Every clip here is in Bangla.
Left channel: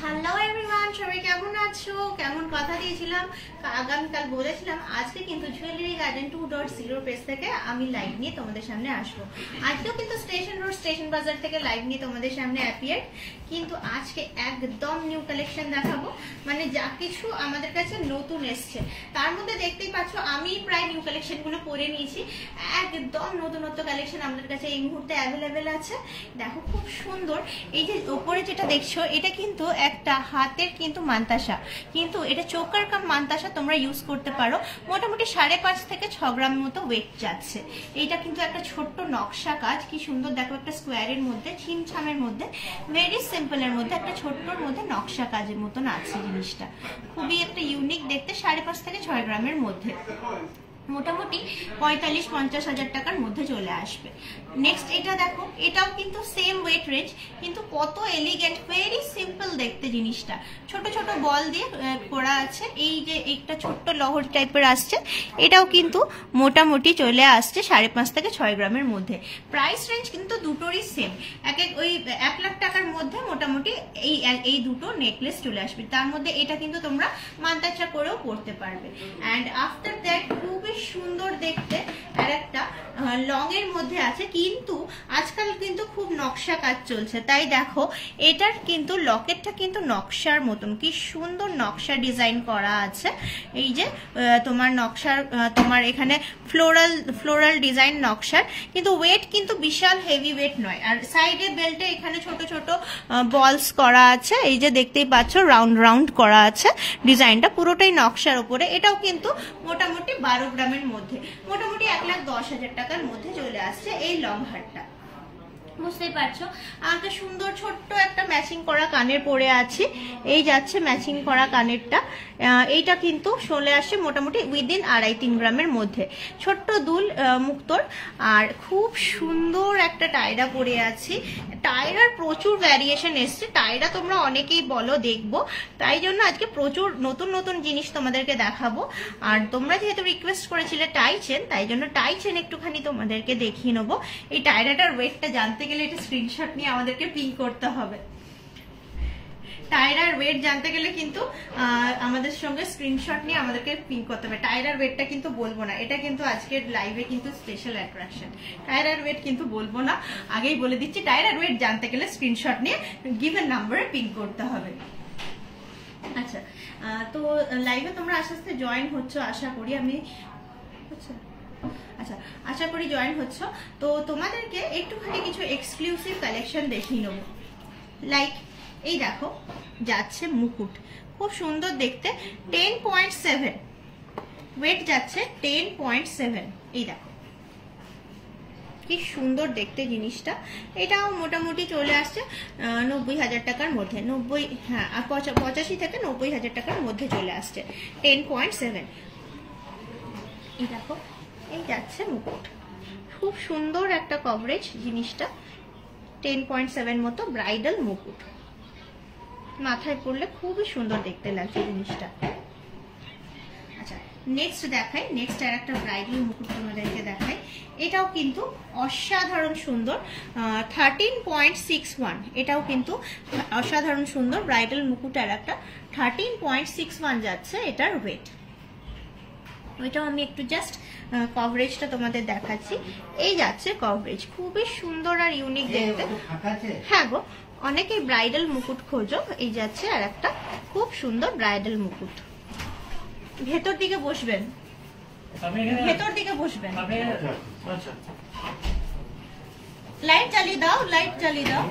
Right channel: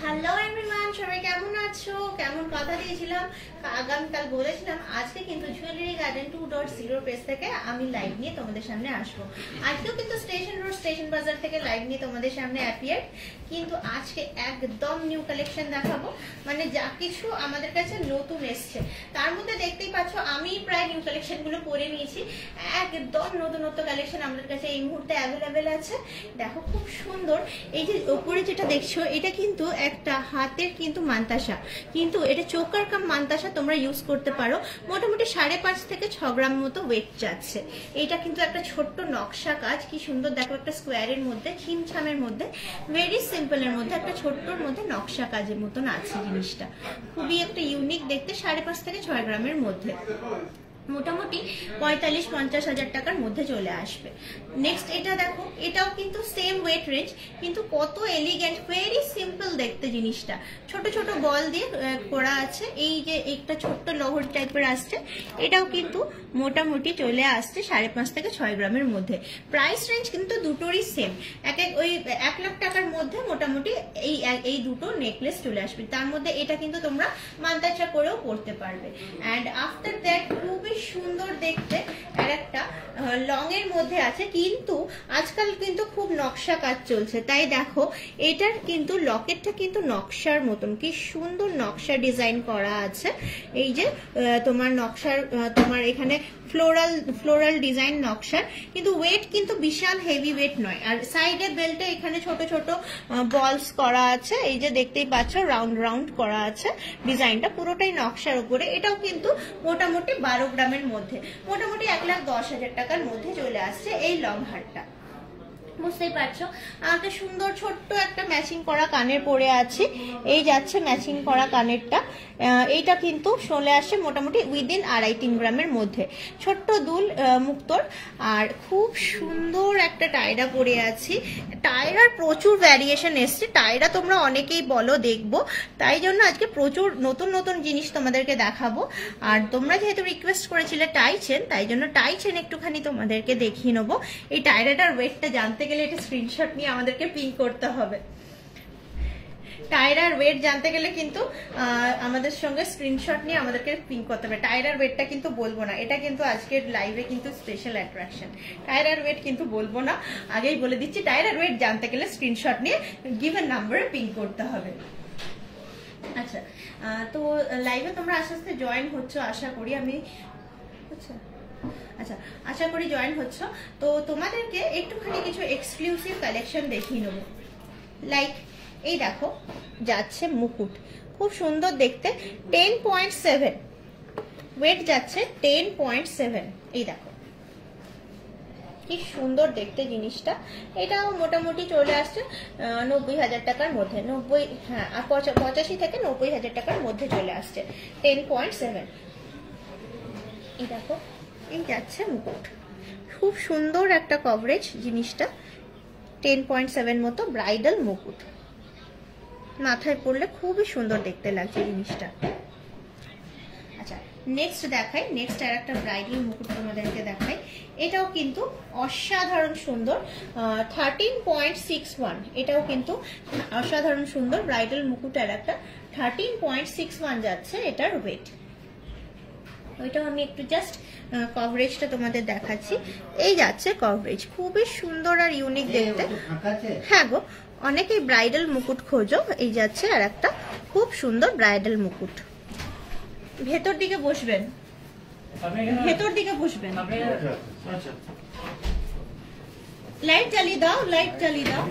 হ্যালো এভরিওয়ান, সবাই কেমন আছো? কেমন কথা দিয়েছিলাম, আগামীকাল বলেছিলাম আজকে কিন্তু জুয়েলারি গার্ডেন 2.0 পেজ থেকে আমি লাইভ নিয়ে তোমাদের সামনে আসবো। আজকেও কিন্তু স্টেশন রোড স্টেশন বাজার থেকে লাইভ নিয়ে তোমাদের সামনে অ্যাপিয়ার, কিন্তু আজকে একদম নিউ কালেকশন দেখাবো। মানে যা কিছু আমাদের কাছে নতুন এসছে তার মধ্যে দেখতেই পাচ্ছ আমি প্রায় নিউ কালেকশন গুলো পরে নিয়েছি। একদম নতুনত্ব কালেকশন আমাদের কাছে এই মুহূর্তে অ্যাভেলেবেল আছে। দেখো খুব সুন্দর। এই যে উপরে যেটা দেখছো এটা কিন্তু একটা হাতের কিন্তু মান্তাসা, কিন্তু এটা চোকার কাম মান্তাসা তোমরা ইউজ করতে পারো। মোটামুটি 5.5 থেকে 6 গ্রাম মতো ওয়েট যাচ্ছে। এটা কিন্তু একটা ছোট্ট নকশা কাজ, কি সুন্দর দেখো, একটা স্কোয়ারের মধ্যে ছিমছামের মধ্যে ভেরি সিম্পলের মধ্যে একটা ছোট্টর মধ্যে নকশা কাজের মতন আছে জিনিসটা। খুবই একটা ইউনিক দেখতে, 5.5 থেকে 6 গ্রামের মধ্যে মোটামুটি 45-50 হাজার টাকার মধ্যে চলে আসবে। নেক্সট এটা দেখো, এটাও কিন্তু সেম ওয়েট রেঞ্জ, কিন্তু কত এলিগেন্ট, ভেরি সিম্পল দেখতে জিনিসটা। ছোট ছোট বল দিয়ে করা আছে। এই যে একটা ছোট্ট লহর টাইপের আসছে, এটাও কিন্তু মোটামুটি চলে আসছে 5.5 থেকে 6 গ্রামের মধ্যে। প্রাইস রেঞ্জ কিন্তু দুটোরই সেম, ওই 1 লাখ টাকার মধ্যে মোটামুটি এই দুটো নেকলেস চলে আসবে। তার মধ্যে এটা কিন্তু তোমরা মান্তাসা করেও পড়তে পারবে। অ্যান্ড আফটার দ্যাট খুবই সুন্দর দেখতে আর একটা লং এর মধ্যে আছে, কিন্তু আজকাল কিন্তু খুব নকশা কাজ চলছে, তাই দেখো এটার কিন্তু লকেটটা কিন্তু নকশার মতন, কি সুন্দর নকশা ডিজাইন করা আছে। এই যে তোমার নকশার, তোমার এখানে ফ্লোরাল ডিজাইন নকশার, কিন্তু ওয়েট কিন্তু বিশাল হেভি ওয়েট নয়। আর সাইডের বেল্টে এখানে ছোট ছোট বলস করা আছে, এই যে দেখতেই পাচ্ছ রাউন্ড রাউন্ড করা আছে। ডিজাইনটা পুরোটাই নকশার উপরে। এটাও কিন্তু মোটামুটি 12 গ্রামের মধ্যে, মোটামুটি 1,10,000 টাকার মধ্যে চলে আসছে এই লং হারটা। বুঝতেই পারছো আমাকে সুন্দর ছোট্ট একটা ম্যাচিং করা কানের পরে আছি। এই যাচ্ছে ম্যাচিং করা কানেরটা, এইটা কিন্তু চলে আসছে মোটামুটি উইদিন 2.5-3 গ্রামের মধ্যে। ছোট্ট দুল মুক্তোর, আর খুব সুন্দর একটা টায়রা পরে আছি। টায়রার প্রচুর ভ্যারিয়েশন এসছে, টায়রা তোমরা অনেকেই বলো দেখবো, তাই জন্য আজকে প্রচুর নতুন নতুন জিনিস তোমাদেরকে দেখাবো। আর তোমরা যেহেতু রিকোয়েস্ট করেছিলে টাই চেন, তাই জন্য টাই চেন একটুখানি তোমাদেরকে দেখিয়ে নেবো। এই টায়রাটার ওয়েটটা জানতে গেলে এটা স্ক্রিনশট নিয়ে আমাদেরকে পিন করতে হবে। টায়রার ওয়েট জানতে গেলে কিন্তু আমাদের সঙ্গে স্ক্রিনশট নিয়ে আমাদেরকে পিন করতে হবে। টায়রার ওয়েটটা কিন্তু বলবো না, এটা কিন্তু আজকের লাইভে কিন্তু স্পেশাল অ্যাট্রাকশন। টায়রার ওয়েট কিন্তু বলবো না, আগেই বলে দিচ্ছি। টায়রার ওয়েট জানতে গেলে স্ক্রিনশট নিয়ে গিভেন নাম্বারে পিন করতে হবে। আচ্ছা, তো লাইভে তোমরা আস্তে আস্তে জয়েন হচ্ছ আশা করি, আমি আচ্ছা আশা করি জয়েন হচ্ছ। তো তোমাদেরকে একটুখানি কিছু এক্সক্লুসিভ কালেকশন দেখিয়ে নেবো। লাইক এই দেখো যাচ্ছে মুকুট, খুব সুন্দর দেখতে, 10.7 ওয়েট যাচ্ছে, 10.7। এই দেখো কি সুন্দর দেখতে জিনিসটা। এটাও মোটামুটি চলে আসছে 90,000 টাকার মধ্যে, 85 থেকে 90,000 টাকার মধ্যে চলে আসছে, 10.7। এই দেখো এই যাচ্ছে মুকুট, খুব সুন্দর একটা কভারেজ জিনিসটা, 10.7 মতো ব্রাইডাল মুকুট, মাথায় পড়লে খুবই সুন্দর দেখতে লাগছে জিনিসটা। আচ্ছা নেক্সট দেখাই, নেক্সট আর একটা ব্রাইডাল মুকুট তোমাদেরকে দেখাই। এটাও কিন্তু অসাধারণ সুন্দর, 13.61। এটাও কিন্তু অসাধারণ সুন্দর ব্রাইডাল মুকুট আর একটা, 13.61 যাচ্ছে এটার ওয়েট। ওইটাও আমি একটু জাস্ট কভারেজটা তোমাদের দেখাচ্ছি। এই যাচ্ছে কভারেজ, খুবই সুন্দর আর ইউনিক দেখতে। হ্যাঁ গো, অনেকেই ব্রাইডাল মুকুট খোঁজো, এই যাচ্ছে আর একটা খুব সুন্দর ব্রাইডাল মুকুট। ভেতর দিকে বসবেন, ভেতর দিকে বসবেন, লাইট জ্বালিয়ে দাও, লাইট জ্বালিয়ে দাও।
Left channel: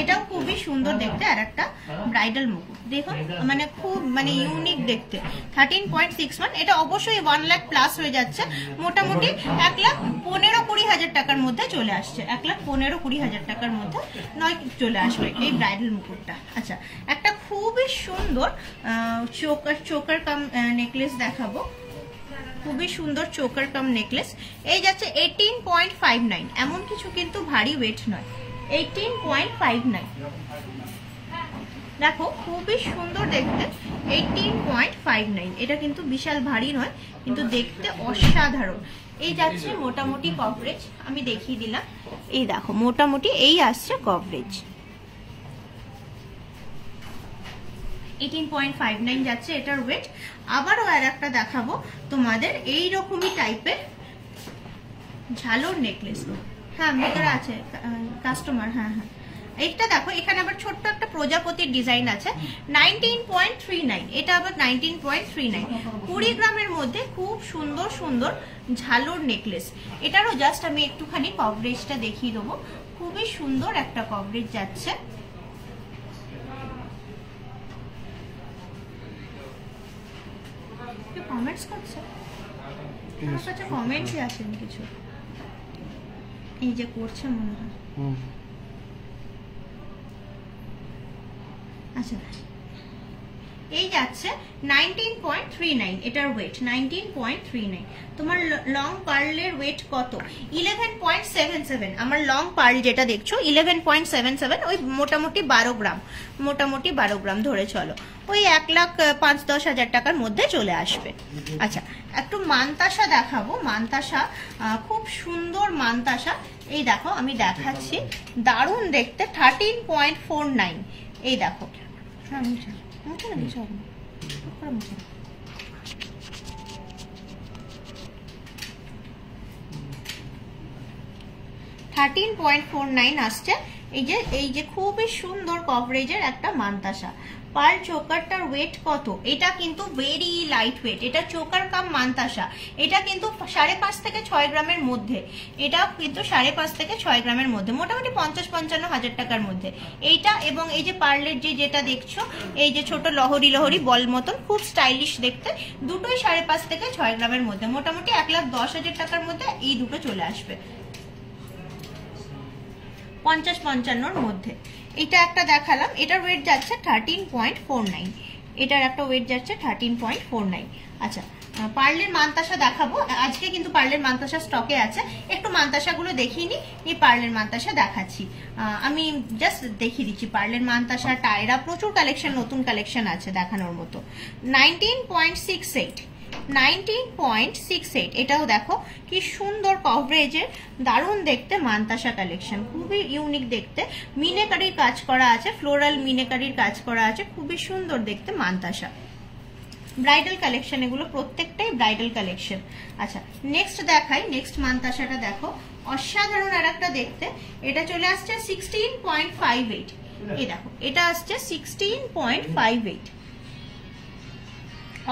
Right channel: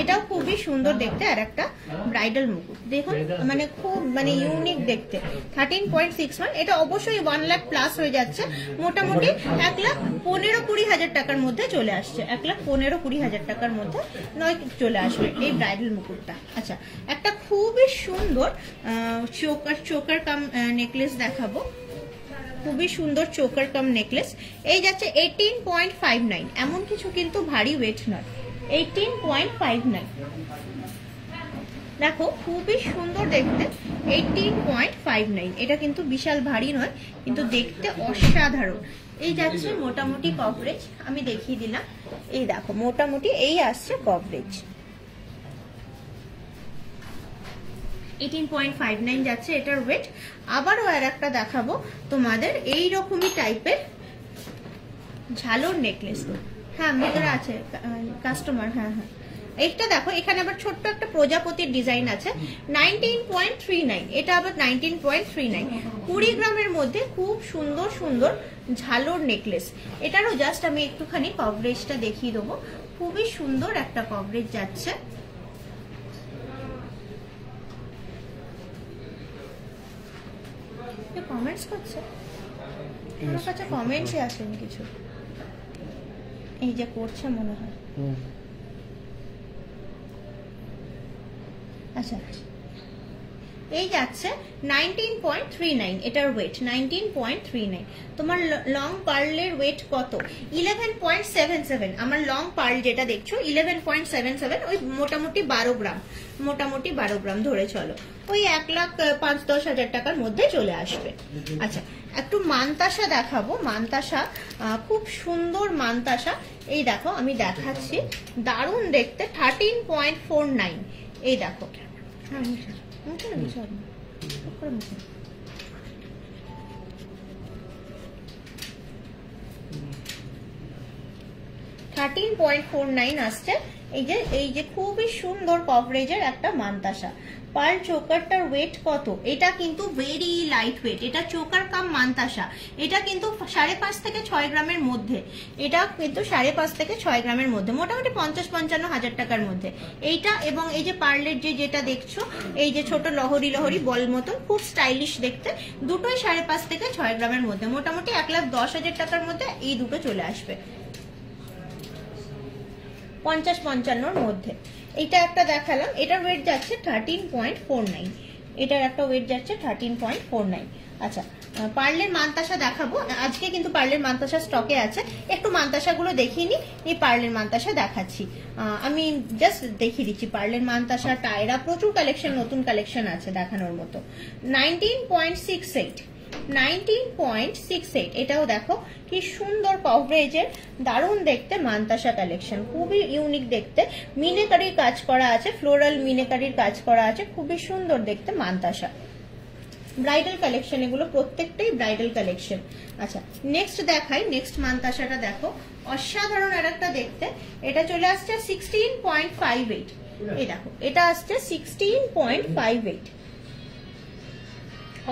এটাও খুবই সুন্দর দেখতে আর একটা ব্রাইডাল মুকুট, দেখুন মানে খুব মানে ইউনিক দেখতে, 13.61। এটা অবশ্যই 1 লাখ প্লাস হয়ে যাচ্ছে, মোটামুটি 1,15,20,000 টাকার মধ্যে চলে আসছে, 1,15,20,000 টাকার মধ্যে নয় চলে আসবে এই ব্রাইডাল মুকুটটা। আচ্ছা একটা খুবই সুন্দর চোকার কাম নেকলেস দেখাবো, খুবই সুন্দর চোকার কাম নেকলেস। এই যাচ্ছে 18.59, এমন কিছু কিন্তু ভারী ওয়েট নয়, 18.59। দেখো খুবই সুন্দর দেখতে, 18.59। এটা কিন্তু বিশাল ভারী নয়, কিন্তু দেখতে অসাধারণ, এই যাচ্ছে মোটামুটি কভারেজ, আমি দেখিয়ে দিলাম। এই দেখো মোটামুটি এই আসছে কভারেজ, 18.59 যাচ্ছে এটার ওয়েট। আবারও আর একটা দেখাবো তোমাদের এই রকমই টাইপের ঝালোর নেকলেস। হ্যাঁ ভিতরে আছে কাস্টমার। হ্যাঁ হ্যাঁ, এইটা দেখো এখানে আবার ছোট্ট একটা প্রজাপতির ডিজাইন আছে, 19.39, এটা আবার 19.39, 20 গ্রামের মধ্যে খুব সুন্দর সুন্দর ঝালোর নেকলেস। এটারও জাস্ট আমি একটুখানি কভারেজটা দেখিয়ে দেবো, খুবই সুন্দর একটা কভারেজ যাচ্ছে। কমেন্টস করছে, আমার কাছে কমেন্টসই আসেনি কিছু, এই যে করছে মনে হয়। আচ্ছা এই যাচ্ছে 19.39, এটার ওয়েট 19.39। তোমার লং পার্লের ওয়েট কত? 11.77। আমার লং পার্ল যেটা দেখছো 11.77, ওই মোটামুটি 12 গ্রাম, মোটামুটি 12 গ্রাম ধরে চলো, ওই 1,05-10,000 টাকার মধ্যে চলে আসবে। আচ্ছা একটু মানতাসা দেখাবো, মানতাসা খুব সুন্দর মানতাসা। এই দেখো আমি দেখাচ্ছি, দারুণ দেখতে, 13.49। এই দেখো, হ্যাঁ মুছে মুছে না, মুছে হবে না, 13.49 আসছে। এই যে খুবই সুন্দর কভারেজের একটা মানতাসা। পার্ল চোকারটার ওয়েট কত? এটা কিন্তু ভেরি লাইট ওয়েট, এটা চোকার কাম মানতাসা, এটা কিন্তু 5.5 থেকে 6 গ্রামের মধ্যে, এটা কিন্তু 5.5 থেকে 6 গ্রামের মধ্যে, মোটামুটি 50-55 হাজার টাকার মধ্যে এইটা। এবং এই যে পার্লের যেটা দেখছো, এই যে ছোট লহরি লহরি বল মতন, খুব স্টাইলিশ দেখতে, দুটোই 5.5 থেকে 6 গ্রামের মধ্যে, মোটামুটি 1,10,000 টাকার মধ্যে এই দুটো চলে আসবে, 50-55 মধ্যে। এটা একটা দেখালাম, এটার ওয়েট যাচ্ছে 13.49, এটার একটা ওয়েট যাচ্ছে 13.49। আচ্ছা পার্লের মানতাসা দেখাবো আজকে, কিন্তু পার্লের মানতাসা স্টকে আছে, একটু মানতাসা গুলো দেখিয়ে নি। এই পার্লের মানতাসা দেখাচ্ছি, আমি জাস্ট দেখিয়ে দিচ্ছি পার্লের মানতাসা, টায়রা, প্রচুর কালেকশন, নতুন কালেকশন আছে দেখানোর মতো। 19.68, 19.68, এটাও দেখো কি সুন্দর কভারেজের, দারুণ দেখতে মানতাসা কালেকশন, খুবই ইউনিক দেখতে, মিনেকারির কাজ করা আছে, ফ্লোরাল মিনেকারির কাজ করা আছে, খুবই সুন্দর দেখতে মানতাসা। ব্রাইডাল কালেকশন এগুলো, প্রত্যেকটাই ব্রাইডাল কালেকশন। আচ্ছা নেক্সট দেখাই, নেক্সট মানতাসাটা দেখো, অসাধারণ আর একটা দেখতে, এটা চলে আসছে 16.58। এই দেখো এটা আসছে 16.58,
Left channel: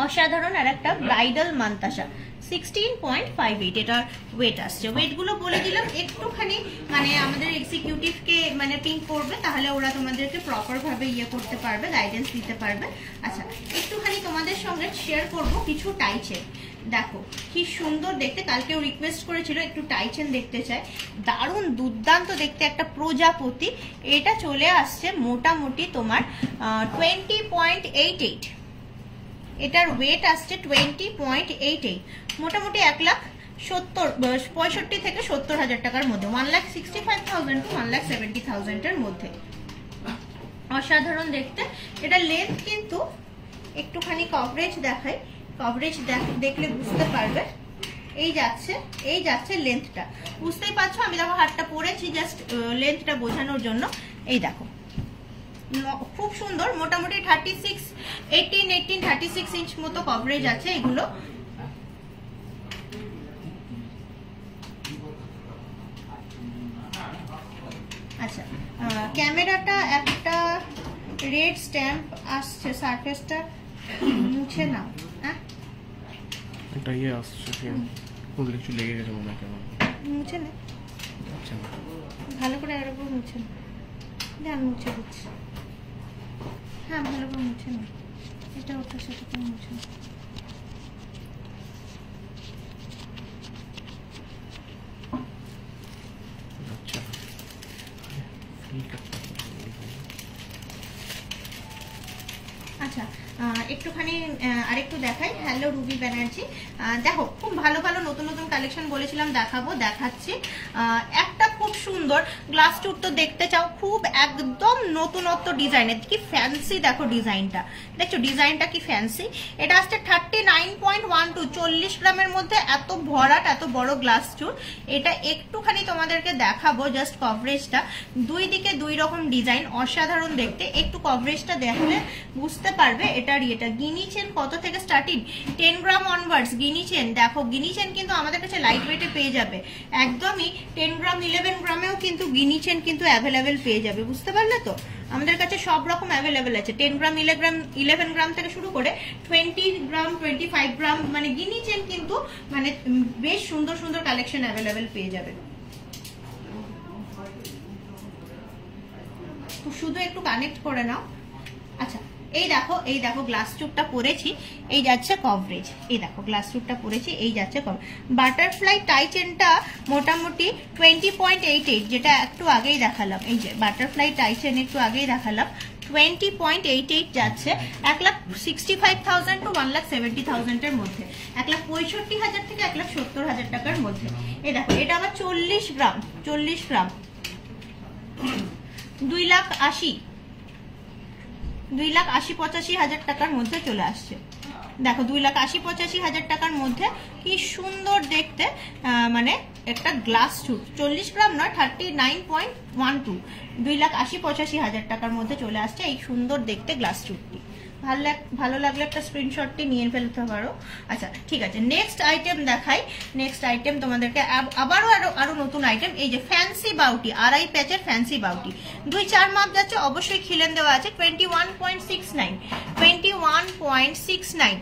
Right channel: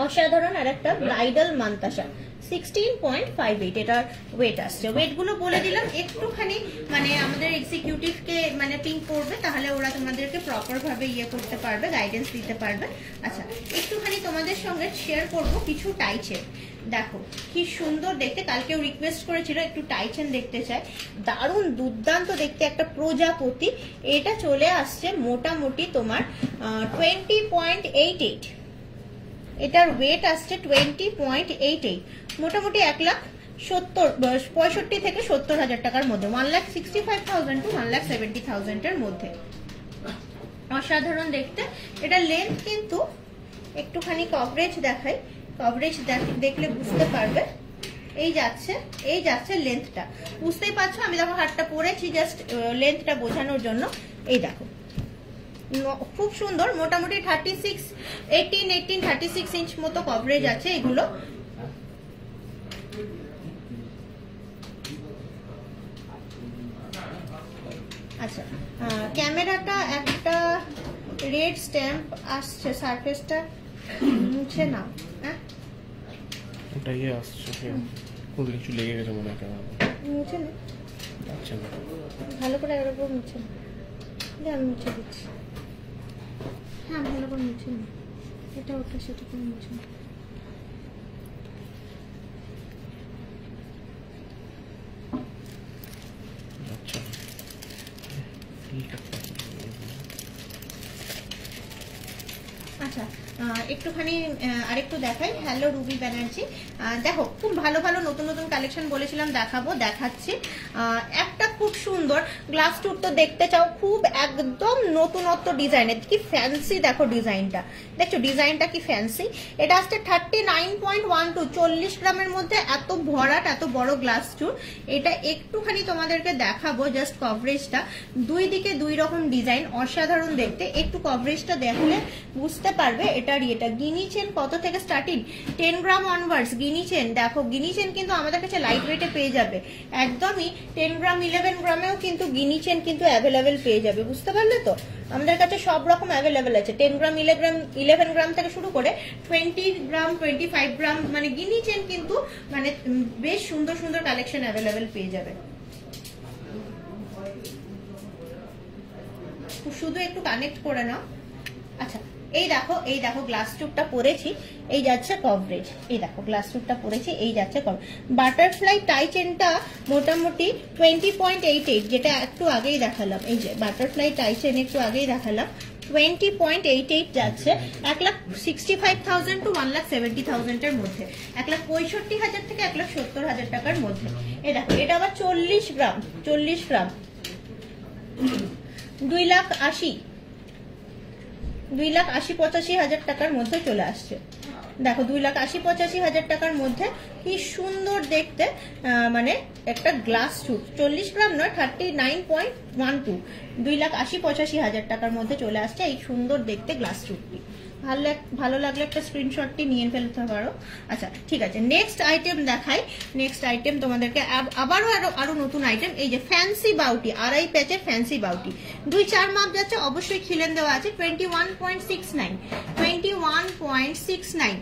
অসাধারণ আর একটা ব্রাইডাল মানতাসা, 16.58 এটার ওয়েট আসছে। ওয়েট গুলো বলে দিলাম, একটুখানি মানে আমাদের এক্সিকিউটিভ কে মানে পিন করবে, তাহলে ওরা তোমাদেরকে প্রপার ভাবে ইয়ে করতে পারবে, গাইডেন্স দিতে পারবে। আচ্ছা একটুখানি তোমাদের সঙ্গে শেয়ার করব কিছু টাইচেন, দেখো কি সুন্দর দেখতে, কালকেও রিকোয়েস্ট করেছিল একটু টাইচেন দেখতে চাই, দারুণ দুর্দান্ত দেখতে একটা প্রজাপতি। এটা চলে আসছে মোটামুটি তোমার 20.88, এটার ওয়েট আসছে 20.88, মোটামুটি 1,65,000 থেকে 70,000 টাকার মধ্যে, 1,65,000 to 1,70,000 এর মধ্যে, অসাধারণ দেখতে। এটা লেন্থ কিন্তু একটুখানি কভারেজ দেখাই, কভারেজ দেখলে বুঝতে পারবে। এই যাচ্ছে লেন্থটা, বুঝতেই পারছো, আমি দেখো হাতটা পরেছি জাস্ট লেন্থটা বোঝানোর জন্য। এই দেখো খুব সুন্দর, মোটামুটি 18-36 ইঞ্চ মতো কভারেজ আছে এগুলো। আচ্ছা ক্যামেরাটা একটা রেড স্ট্যাম্প আসছে, সারফেসটা মুছে না, হ্যাঁ এটা ইয়ে আসছে, কোথাও কিছু লেগে গেছে মনে হয়, মুছে না, আচ্ছা ভালো করে এর উপর মুছে না, আমি মুছে দিচ্ছি, হ্যাঁ ভালো করে মুছে না, এটা ওটা সেটা করে মুছে না। আচ্ছা আচ্ছা একটুখানি আরেকটু দেখাই। হ্যালো রুবি ব্যানার্জি, দেখো খুব ভালো ভালো নতুন নতুন কালেকশন বলেছিলাম দেখাবো, দেখাচ্ছি। একটা খুব সুন্দর। গ্লাস টুর তো দেখতে চাও, খুব একদম নতুনত্ব ডিজাইনের, কি ফ্যান্সি দেখো ডিজাইনটা, দেখছো ডিজাইনটা কি ফ্যান্সি। এটা আসছে 39.12, 40 গ্রামের মধ্যে এত ভরাট এত বড় গ্লাস টুর। এটা একটুখানি তোমাদেরকে দেখাবো জাস্ট কভারেজটা, দুই দিকে দুই রকম ডিজাইন, অসাধারণ দেখতে। একটু কভারেজটা দেখলে বুঝতে পারবে এটার ইয়েটা। গিনি চেন কত থেকে স্টার্টিং? 10 গ্রাম অনওয়ার্ডস গিনি চেন। দেখো গিনি চেন কিন্তু আমাদের কাছে লাইট ওয়েটে পেয়ে যাবে, একদমই 10 গ্রাম 11 গ্রামেও কিন্তু গিনি চেন কিন্তু অ্যাভেলেবেল পেয়ে যাবে, বুঝতে পারলে তো? আমাদের কাছে সব রকম অ্যাভেলেবেল আছে, 10 গ্রাম 11 গ্রাম থেকে শুরু করে 20 গ্রাম 25 গ্রাম, মানে গিনি চেন কিন্তু মানে বেশ সুন্দর সুন্দর কালেকশন অ্যাভেলেবেল পেয়ে যাবে। শুধু একটু কানেক্ট করে নাও। আচ্ছা এই দেখো গ্লাস টুবটা পরেছি, এই যাচ্ছে কভারেজ। এই দেখো গ্লাস টুবটা পরেছি, এই যাচ্ছে কভারেজ। বাটারফ্লাই টাই চেনটা মোটামুটি 20.88, যেটা একটু আগেই দেখালাম। এই যে বাটারফ্লাই টাই চেন একটু আগেই দেখালাম, 20.88 যাচ্ছে 1,65,000 to 1,70,000 এর মধ্যে, 1,65,000 থেকে 1,70,000 টাকার মধ্যে। এই দেখো এটা আবার 40 গ্রাম 2,80,000 2,80,000-85,000 টাকার মধ্যে চলে আসছে। দেখো 2,80,000-85,000 টাকার মধ্যে কি সুন্দর দেখতে, মানে একটা গ্লাস টুব, 40 গ্রাম নয়, 39.12, 2,80,000-85,000 টাকার মধ্যে চলে আসছে এই সুন্দর দেখতে গ্লাস টুবটি। ভালো লাগলে একটা স্ক্রিনশটটি নিয়ে ফেলতে পারো। আচ্ছা ঠিক আছে, নেক্সট আইটেম দেখাই। নেক্সট আইটেম তোমাদেরকে আবারও আরো নতুন আইটেম, এই যে ফ্যান্সি বাউটি, আড়াই প্যাচের ফ্যান্সি বাউটি, 2-4 মাপ যাচ্ছে, অবশ্যই খিলেন দেওয়া আছে, 21.69।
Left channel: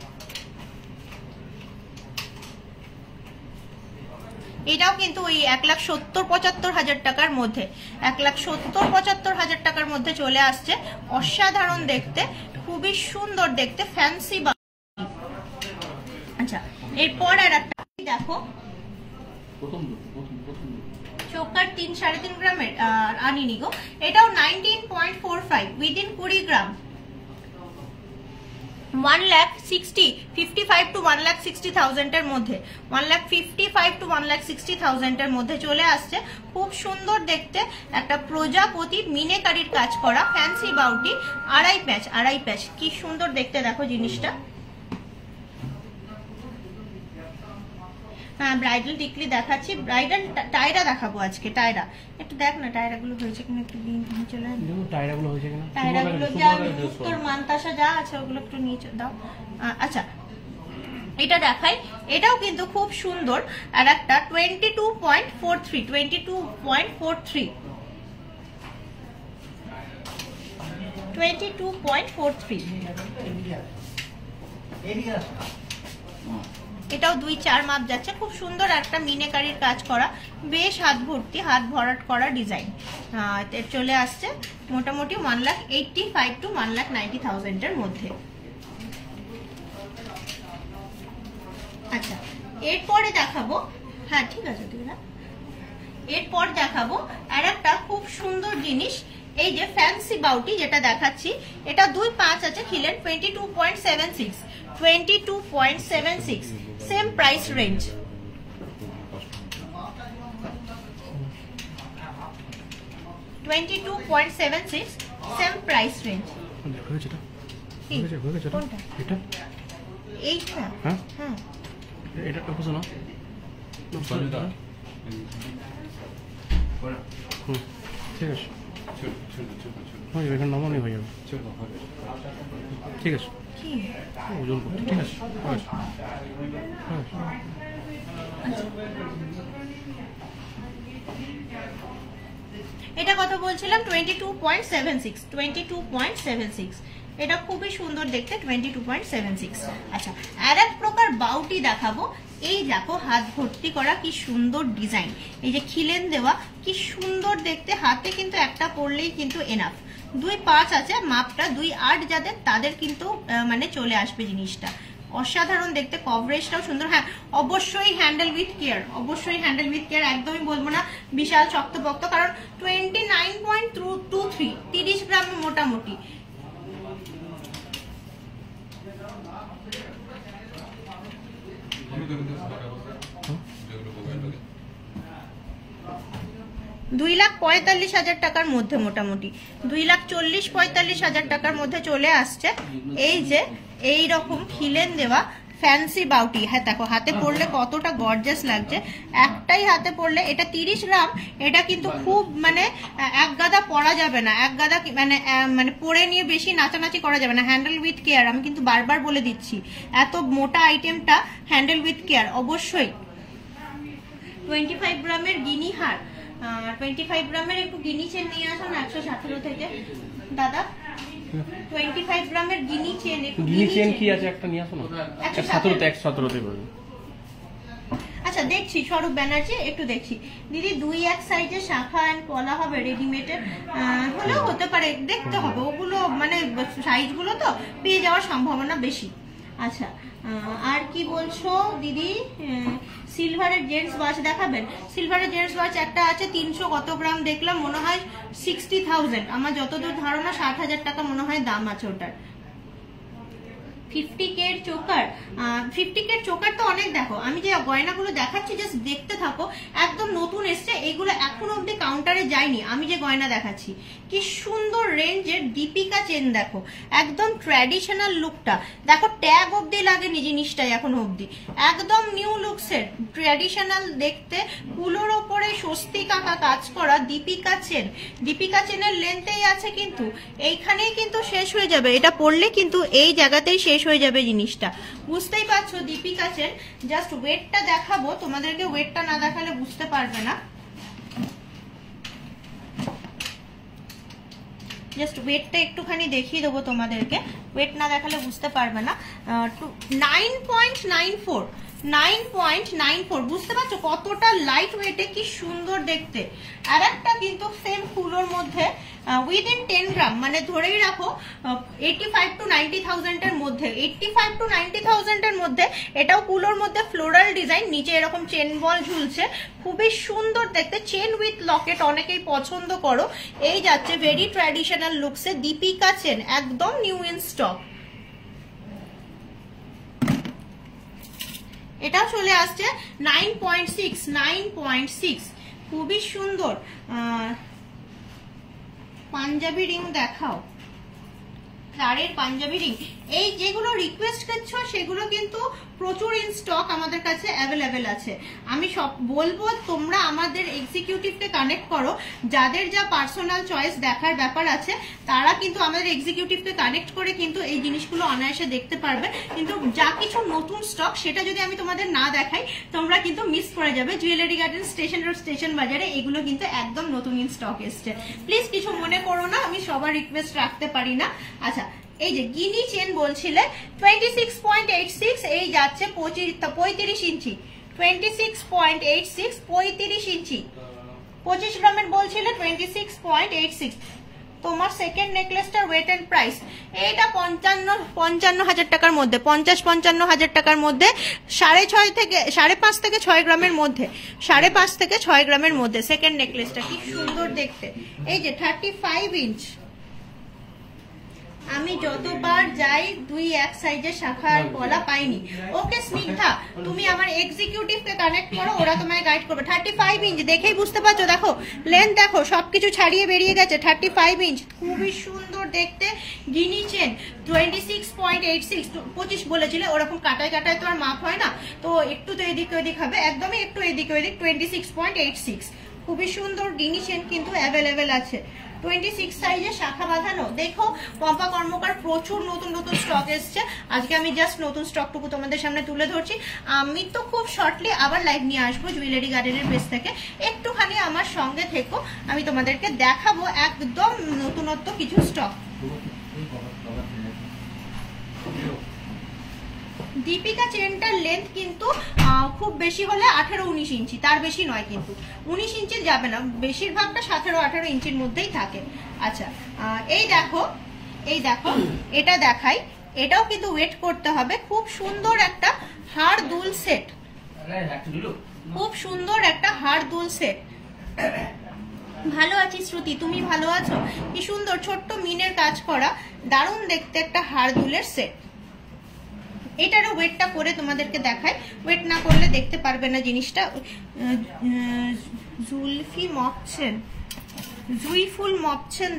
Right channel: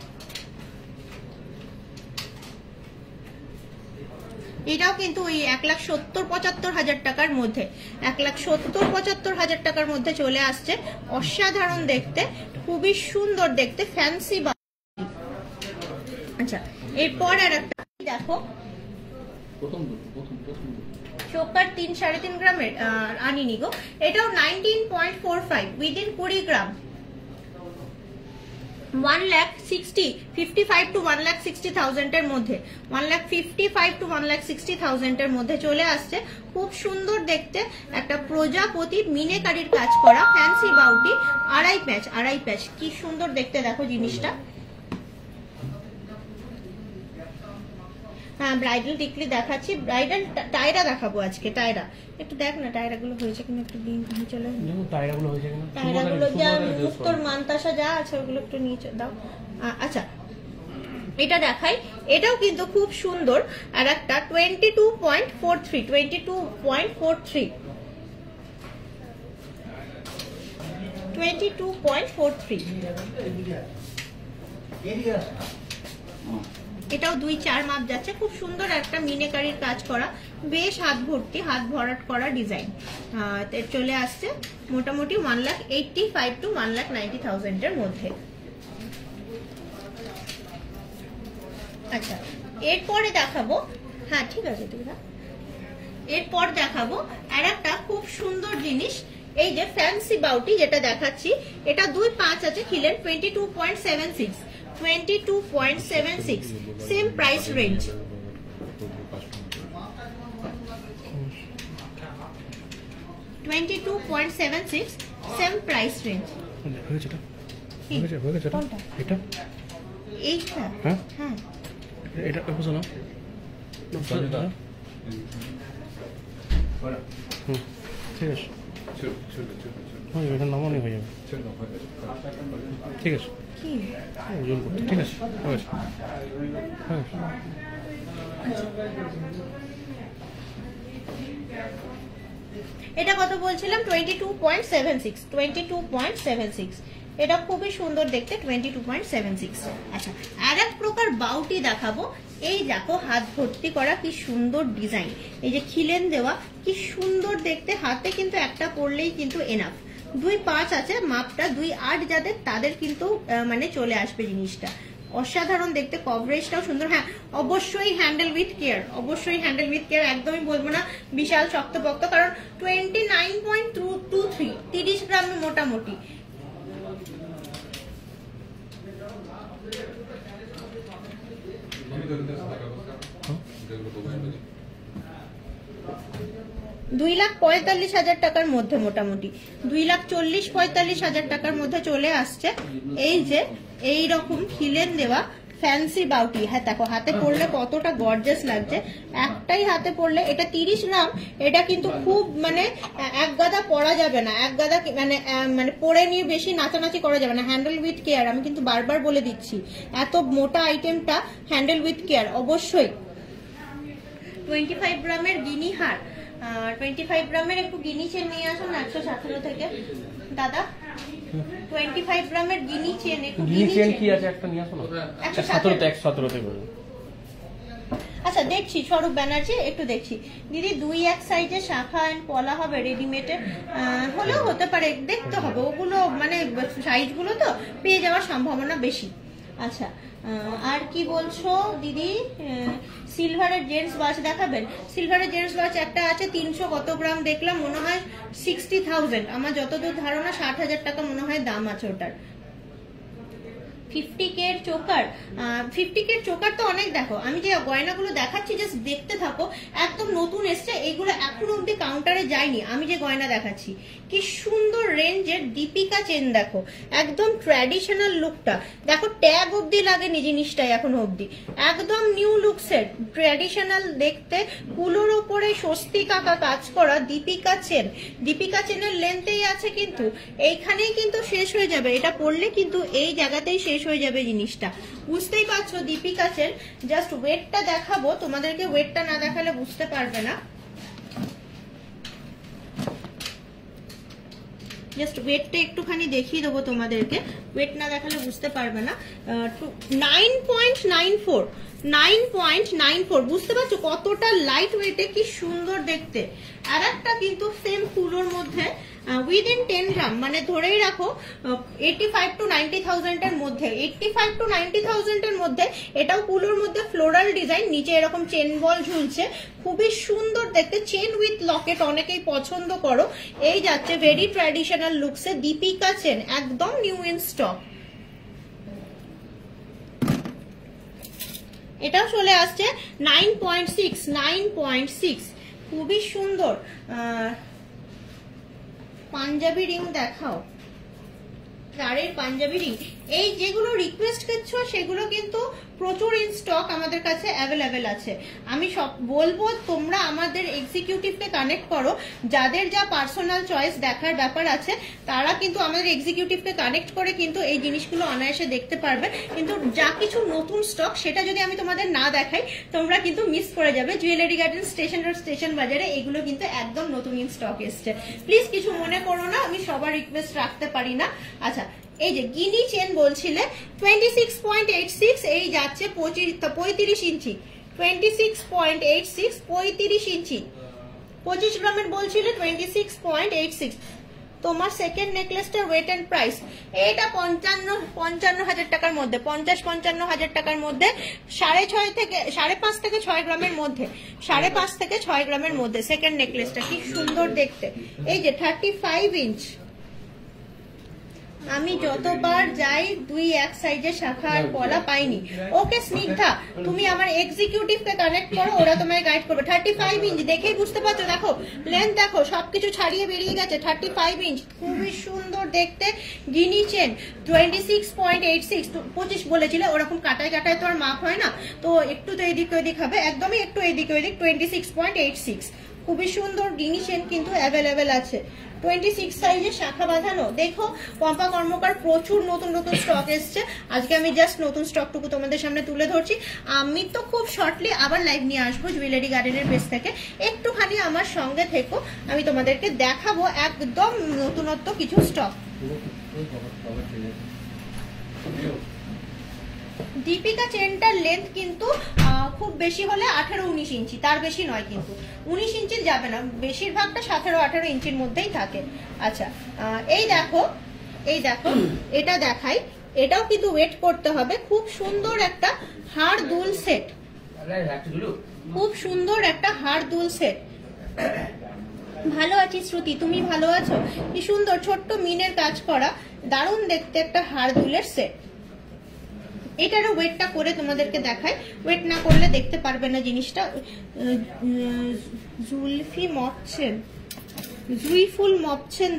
এটাও কিন্তু ওই 1,70,000-75,000 টাকার মধ্যে, 1,70,000-75,000 টাকার মধ্যে চলে আসছে। অসাধারণ দেখতে, খুবই সুন্দর দেখতে ফ্যান্সি বাউটি। আচ্ছা এরপর আর একটা দেখো, চোকার 3-3.5 গ্রামের আনিনি গো, এটাও 19.45 উইদিন 20 গ্রাম, 1,55,000 to 1,60,000 এর মধ্যে, 1,55,000 to 1,60,000 এর মধ্যে চলে আসছে। খুব সুন্দর দেখতে একটা প্রজাপতি মিনেকারির কাজ করা ফ্যান্সি বাউটি, আড়াই প্যাচ, কি সুন্দর দেখতে দেখো জিনিসটা। হ্যাঁ ব্রাইডাল টিকলি দেখাচ্ছি, ব্রাইডাল টায়রা দেখাবো আজকে। টায়রা একটু দেখ না, টায়রা গুলো হয়েছে কিনা একটু নিয়ে চলে, টায়রা গুলো যা উত্তর মানতাসা যা আছে ওগুলো একটু নিয়ে দাও। আচ্ছা এটা দেখাই, এটাও কিন্তু খুব সুন্দর। আর একটা 22.43, 22.43, এটাও 2-4 মাপ যাচ্ছে, খুব সুন্দর একটা মিনেকারির কাজ করা, বেশ হাত ভর্তি, হাত ভরাট করা ডিজাইন চলে আসছে। মোটামুটি 1,85,000 to 1,90,000 এর মধ্যে। আচ্ছা এরপরে দেখাবো, হ্যাঁ ঠিক আছে এরপর দেখাবো আর একটা খুব সুন্দর জিনিস, এই যে ফ্যান্সি বাউটি যেটা দেখাচ্ছি, এটা 2-5 আছে খিলেন, 22.76, same price range, 22.76 same price range. এইটা হ্যাঁ এটা বুঝো না, ঠিক আছে এখানে নরমালি হয়ে যাবে, ঠিক আছে ওজন করতে, ঠিক আছে এটা কত বলছিলাম? 22.76, এটা খুবই সুন্দর দেখতে, 22.76। আচ্ছা আর এক প্রকার বাউটি দেখাবো, এই দেখো হাত ভর্তি করা কি সুন্দর ডিজাইন, এই যে খিলেন দেওয়া কি সুন্দর দেখতে, হাতে কিন্তু একটা পরলেই কিন্তু এনাফ। 2-5 আছে মাপটা, 2-8 যাদের তাদের কিন্তু মানে চলে আসবে জিনিসটা, অসাধারণ দেখতে, কভারেজটাও সুন্দর। হ্যাঁ অবশ্যই হ্যান্ডেল উইথ কেয়ার, একদমই বলবো না বিশাল শক্তপোক্ত, কারণ 29.23, 30 গ্রাম মোটামুটি। 2,45,000 টাকার মধ্যে, মোটামুটি 2,40,45,000 টাকার মধ্যে চলে আসছে। এই যে এই রকম হিলেন দেওয়া ফ্যান্সি বাউটি। হ্যাঁ দেখো হাতে পরলে কতটা গর্জাস লাগছে, একটাই হাতে পরলে। এটা 30 গ্রাম, এটা কিন্তু খুব মানে এক গাদা পরা যাবে না, এক গাদা মানে পরে নিয়ে বেশি নাচানাচি করা যাবে না। হ্যান্ডেল উইথ কেয়ার, আমি কিন্তু বারবার বলে দিচ্ছি, এত মোটা আইটেমটা হ্যান্ডেল উইথ কেয়ার অবশ্যই। 25 গ্রামের গিনি হার, 25 গ্রামের একটু গিনি চেন নিয়ে আসুন 117 থেকে দাদা। 25 গ্রামের গিনি চেন, একটু গিনি চেন কি আছে একটা নিয়ে আসুন। 117 তে করুন। আচ্ছা দেখছি স্বরূপ ব্যানার্জি, একটু দেখছি দিদি। 2-1 সাইজে শাখা এন্ড পলা হবে রেডিমেডের, হলেও হতে পারে, দেখতে হবে ওগুলো, মানে সাইজ গুলো তো পেয়ে যাওয়ার সম্ভাবনা বেশি। আচ্ছা আর কি বলছো দিদি? সিলভারের জেন্টস ওয়াচ দেখাবেন? সিলভারের জেন্টস ওয়াচ একটা আছে 300 কত গ্রাম দেখলাম, মনে হয় 60,000, আমার যতদূর ধারণা 60,000 টাকা মনে হয় দাম আছে ওটার। 50K এর চোকার, 50K এর চোকার তো অনেক। দেখো আমি যে গয়নাগুলো দেখাচ্ছি জাস্ট দেখতে থাকো, একদম নতুন এসছে, এগুলো এখন অব্দি কাউন্টারে যায়নি। আমি যে গয়না দেখাচ্ছি কি সুন্দর রেঞ্জের দীপিকা চেন, দেখো একদম ট্র্যাডিশনাল লুকটা, দেখো ট্যাগ অব্দি লাগেনি জিনিসটাই এখন অব্দি, একদম নিউ লুকসের ট্র্যাডিশনাল দেখতে, কুলোর ওপরে স্বস্তি কাকা কাজ করা দীপিকা চেন। দীপিকা চেনের লেন্থেই আছে কিন্তু এইখানেই কিন্তু শেষ হয়ে যাবে, এটা পড়লে কিন্তু এই জায়গাতেই শেষ হয়ে যাবে জিনিসটা, বুঝতেই পারছো দীপিকা চেন। জাস্ট ওয়েটটা দেখাবো তোমাদেরকে, ওয়েটটা না দেখালে বুঝতে পারবে না। জাস্ট ওয়েটটা একটুখানি দেখিয়ে দেবো তোমাদেরকে, ওয়েট না দেখালে বুঝতে পারবে না। 9.94, 9.94, বুঝতে পারছো কতটা লাইট ওয়েটে, কি সুন্দর দেখতে। আর একটা কিন্তু সেম ফুলোর মধ্যে উইদিন 10 গ্রাম, মানে ধরেই রাখো 85 to 90,000 এর মধ্যে, 85 to 90,000 এর মধ্যে। এটাও কুলোর মধ্যে ফ্লোরাল ডিজাইন, নিচে এরকম চেন বল ঝুলছে, খুবই সুন্দর দেখতে। চেন উইথ লকেট অনেকেই পছন্দ করো। এই যাচ্ছে ভেরি ট্র্যাডিশনাল লুকসে দীপিকা চেন, একদম নিউ ইন স্টক। এটাও চলে আসছে 9.6, 9.6, খুবই সুন্দর। পাঞ্জাবি রিং দেখাও, চারের পাঞ্জাবি রিং। এই যেগুলো রিকোয়েস্ট করছো সেগুলো কিন্তু প্রচুর ইন স্টক আমাদের কাছে অ্যাভেলেবেল আছে। আমি সব বলবো তোমরা আমাদের এক্সিকিউটিভকে কানেক্ট করো, যাদের যা পার্সোনাল চয়েস দেখার ব্যাপার আছে তারা কিন্তু আমাদের এক্সিকিউটিভকে কানেক্ট করে কিন্তু এই জিনিসগুলো অনায়াসে দেখতে পারবে। কিন্তু যা কিছু নতুন স্টক সেটা যদি আমি তোমাদের না দেখাই তোমরা কিন্তু মিস করে যাবে। Jewellery garden, station road, station বাজারে এগুলো কিন্তু একদম নতুন ইন স্টক এসছে, প্লিজ কিছু মনে করো না, আমি সবার রিকোয়েস্ট রাখতে পারি না। আচ্ছা এই যে গিনি চেন বলছিলে 26.86, এই যাচ্ছে 35 ইঞ্চি, 26.86, 35 ইঞ্চি, 25 গ্রামের বলছিলে 26.86। তোমার সেকেন্ড নেকলেসটার ওয়েট এন্ড প্রাইস, এইটা 55,000 টাকার মধ্যে, 50-55,000 টাকার মধ্যে, 5.5 থেকে 6 গ্রামের মধ্যে, 5.5 থেকে 6 গ্রামের মধ্যে সেকেন্ড নেকলেসটা, কি সুন্দর দেখতে। এই যে 35 ইঞ্চ। আমি যতবার যাই 2-1 সাইজের শাখা আর পলা পাইনি। ওকে স্নিগ্ধা, তুমি আমার এক্সিকিউটিভকে কানেক্ট করো, ওরা তোমায় গাইড করবে। 35 ইঞ্চ দেখেই বুঝতে পারছো, দেখো লেন্থ দেখো, সবকিছু ছাড়িয়ে বেরিয়ে গেছে। 35 ইঞ্চ, খুবই সুন্দর দেখতে গিনি চেন। 26.86, 25 বলেছিল, ওরকম কাটায় কাটায় তো আর মাপ হয় না, তো একটু তো এদিক ওদিক হবে, একদমই একটু এদিক ওদিক। 26.86, খুবই সুন্দর গিনি চেন কিন্তু অ্যাভেলেবেল আছে। 26 সাইজের শাখা বাঁধানো। দেখো পম্পা কর্মকার প্রচুর নতুন নতুন স্টক এসছে, আজকে আমি জাস্ট নতুন স্টকটুকু তোমাদের সামনে তুলে ধরছি। আমি তো খুব শর্টলি আবার লাইভ নিয়ে আসবো জুয়েলারি গার্ডেনের পেজ থেকে, একটুখানি আমার সঙ্গে থেকো, আমি তোমাদেরকে দেখাবো একদম নতুনত্ব কিছু স্টক। দীপিকা চেনটার লেন্থ কিন্তু খুব বেশি হলে 18-19 ইঞ্চি, তার বেশি নয়, কিন্তু 19 ইঞ্চি যাবে না, বেশিরভাগটা 17-18 ইঞ্চির মধ্যেই থাকে। আচ্ছা এই দেখো এটা দেখাই, এটাও কিন্তু ওয়েট করতে হবে। খুব সুন্দর একটা হাড় দুল সেট, খুব সুন্দর একটা হাড় দুল সেট। ভালো আছি শ্রুতি, তুমি ভালো আছো? কি সুন্দর ছোট্ট মিনের কাজ করা, দারুণ দেখতে একটা হাড় দুলের সেট। এটারও ওয়েটটা করে তোমাদেরকে দেখায়, ওয়েট না করলে দেখতে পারবে না জিনিসটা। জুইফুল মপচেন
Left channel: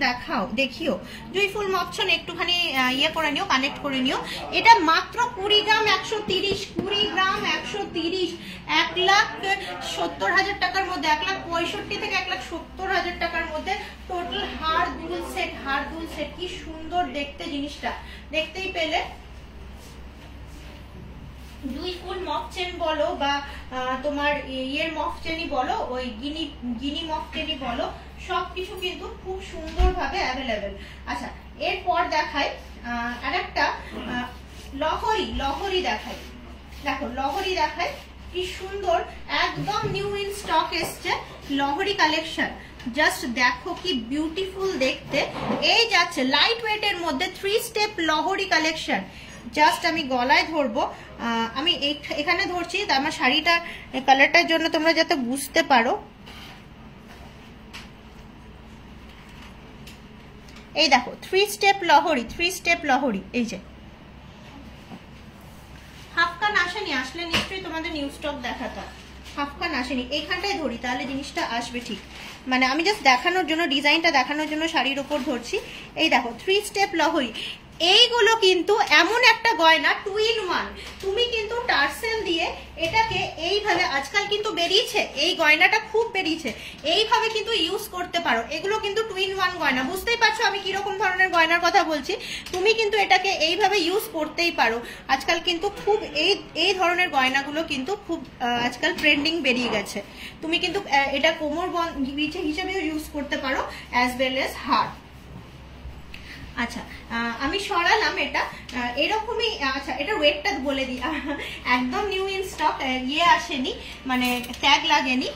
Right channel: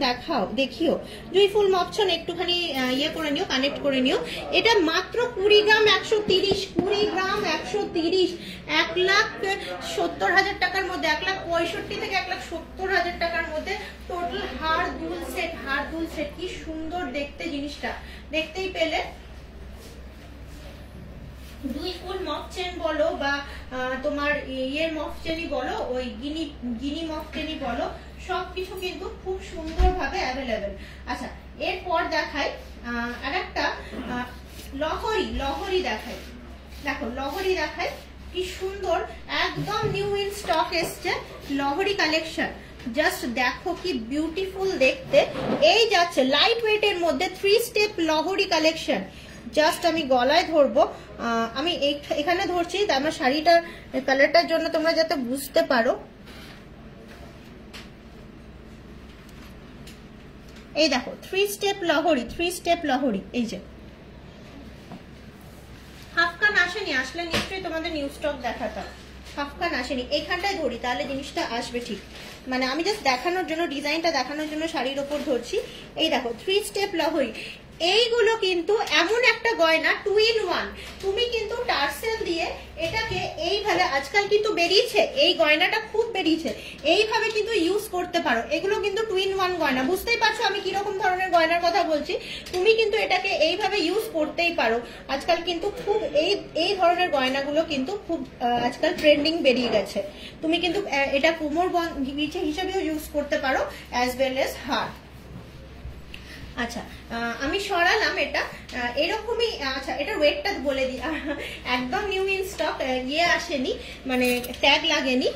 দেখিও জুইফুল মপচেন একটুখানি ইয়ে করে নিও, কালেক্ট করে নিও। এটা মাত্র 20 গ্রাম 130, 20 গ্রাম 130, 1,70,000 টাকার মধ্যে, 1,65,000 থেকে 1,70,000 টাকার মধ্যে টোটাল হাড় দুল সেট। কি সুন্দর দেখতে জিনিসটা, দেখতেই পেলে। জুইফুল মপচেন বলো বা তোমার ইয়ের মপচেনই বলো, ওই গিনি মপচেনই বলো, সবকিছু কিন্তু খুব সুন্দর ভাবে অ্যাভেলেবেল। আচ্ছা, এরপর দেখাই আরেকটা লহরি দেখাই। দেখো লহরি দেখাই, কি সুন্দর, একদম নিউ ইন স্টক এসছে লহরি কালেকশন। জাস্ট দেখো কি বিউটিফুল দেখতে। এই যাচ্ছে লাইট ওয়েটের মধ্যে 3 স্টেপ লহরি কালেকশন। জাস্ট আমি গলায় ধরবো, আমি এখানে ধরছি আমার শাড়িটার কালারটার জন্য তোমরা যাতে বুঝতে পারো। এই দেখো 3 স্টেপ লহরি, এই যে হাফকান আসেনি, আসলে নিশ্চয়ই তোমাদের নিউ স্টক দেখাতাম। হাফকান আসেনি, এইখানটায় ধরি তাহলে জিনিসটা আসবে ঠিক। মানে আমি জাস্ট দেখানোর জন্য, ডিজাইনটা দেখানোর জন্য শাড়ির উপর ধরছি। এই দেখো 3 স্টেপ লহরি। এইগুলো কিন্তু এমন একটা গয়না 2 in 1। তুমি কিন্তু টার্সেল দিয়ে এটাকে এইভাবে, আজকাল কিন্তু বেরিয়েছে এই গয়নাটা, খুব বেরিয়েছে, এইভাবে কিন্তু ইউজ করতে পারো। এগুলো কিন্তু 2 in 1 গয়না, বুঝতেই পারছো আমি কিরকম ধরনের গয়নার কথা বলছি। তুমি কিন্তু এটাকে এইভাবে ইউজ করতেই পারো। আজকাল কিন্তু খুব এই ধরনের গয়নাগুলো কিন্তু খুব আজকাল ট্রেন্ডিং বেরিয়ে গেছে। তুমি কিন্তু এটা কোমর বিছে হিসেবেও ইউজ করতে পারো, অ্যাজ ওয়েল এজ হার। আচ্ছা, আমি সরালাম এটা এরকমই। আচ্ছা, এটা ওয়েটটা বলে দিই, একদম নিউ ইন স্টক, ইয়ে আসেনি, মানে ট্যাগ লাগেনি।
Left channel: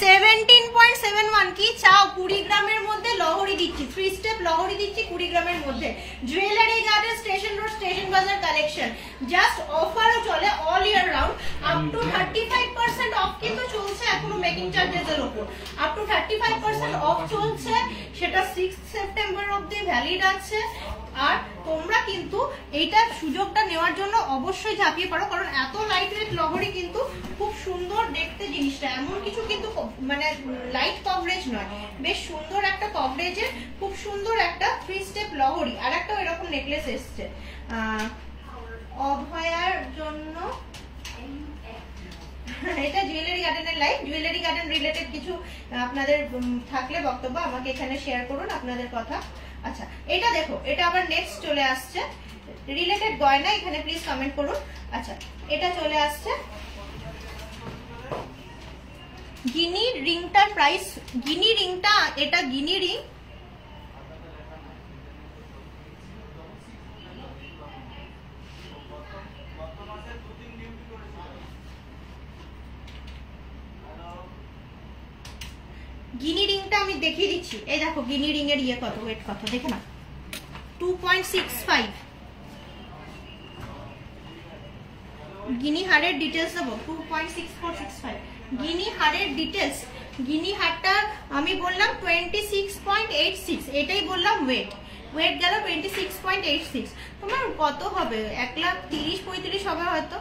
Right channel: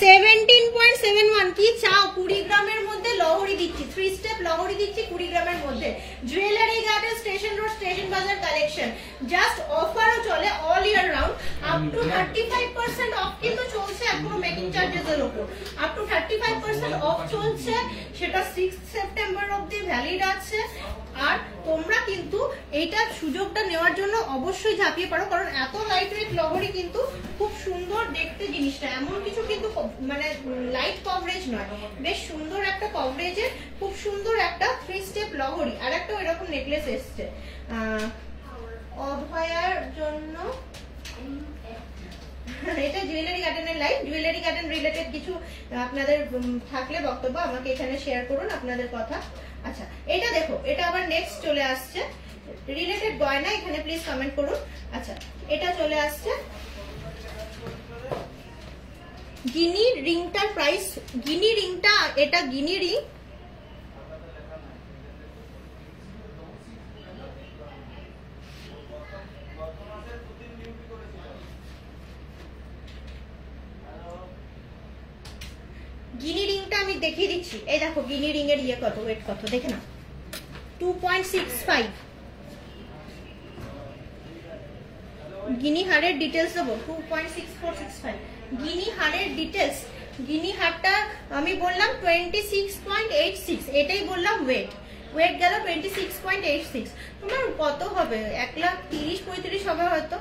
17.71। কি চাও? 20 গ্রামের মধ্যে লহরি দিচ্ছি, 3 স্টেপ লহরি দিচ্ছি 20 গ্রামের মধ্যে। Jewellery garden, station road, station বাজার কালেকশন। জাস্ট অফারও চলে all year round, up to 35% of কিন্তু চলছে এখনো মেকিং চার্জেস এর উপর। আপ টু 35% অফ চলছে, সেটা 6 সেপ্টেম্বর অবধি ভ্যালিড আছে। আর তোমরা কিন্তু এইটার সুযোগটা নেওয়ার জন্য অবশ্যই ঝাঁপিয়ে পড়ো, কারণ এত লাইট ওয়েট লহরি কিন্তু খুব সুন্দর দেখতে জিনিসটা। এমন কিছু কিন্তু মানে লাইট কভারেজ নয়, বেশ সুন্দর একটা কভারেজের খুব সুন্দর একটা 3 স্টেপ লহরি। আর একটা এরকম নেকলেস এসছে অভয়ার জন্য। এটা জুয়েলারি গার্ডেনের লাইভ, জুয়েলারি গার্ডেন রিলেটেড কিছু আপনাদের থাকলে বক্তব্য আমাকে এখানে শেয়ার করুন আপনাদের কথা। আচ্ছা, এটা দেখো, এটা আবার নেক্সট চলে আসছে রিলেটেড গয়না, এখানে প্লিজ কমেন্ট করুন। আচ্ছা, এটা চলে আসছে গিনি রিংটার প্রাইস, গিনি রিংটা, এটা গিনি রিং। গিনি রিংটা আমি দেখিয়ে দিচ্ছি। এই দেখো গিনি রিং এর ইয়ে কত, ওয়েট কত দেখে না, 2.65। গিনি হারের ডিটেলস দেবো, 2.6465 গিনি হারের ডিটেলস। গিনি হারটা আমি বললাম 26.86, এটাই বললাম ওয়েট গেল 26.86। তোমার কত হবে, 1,30,35 হবে হয়তো,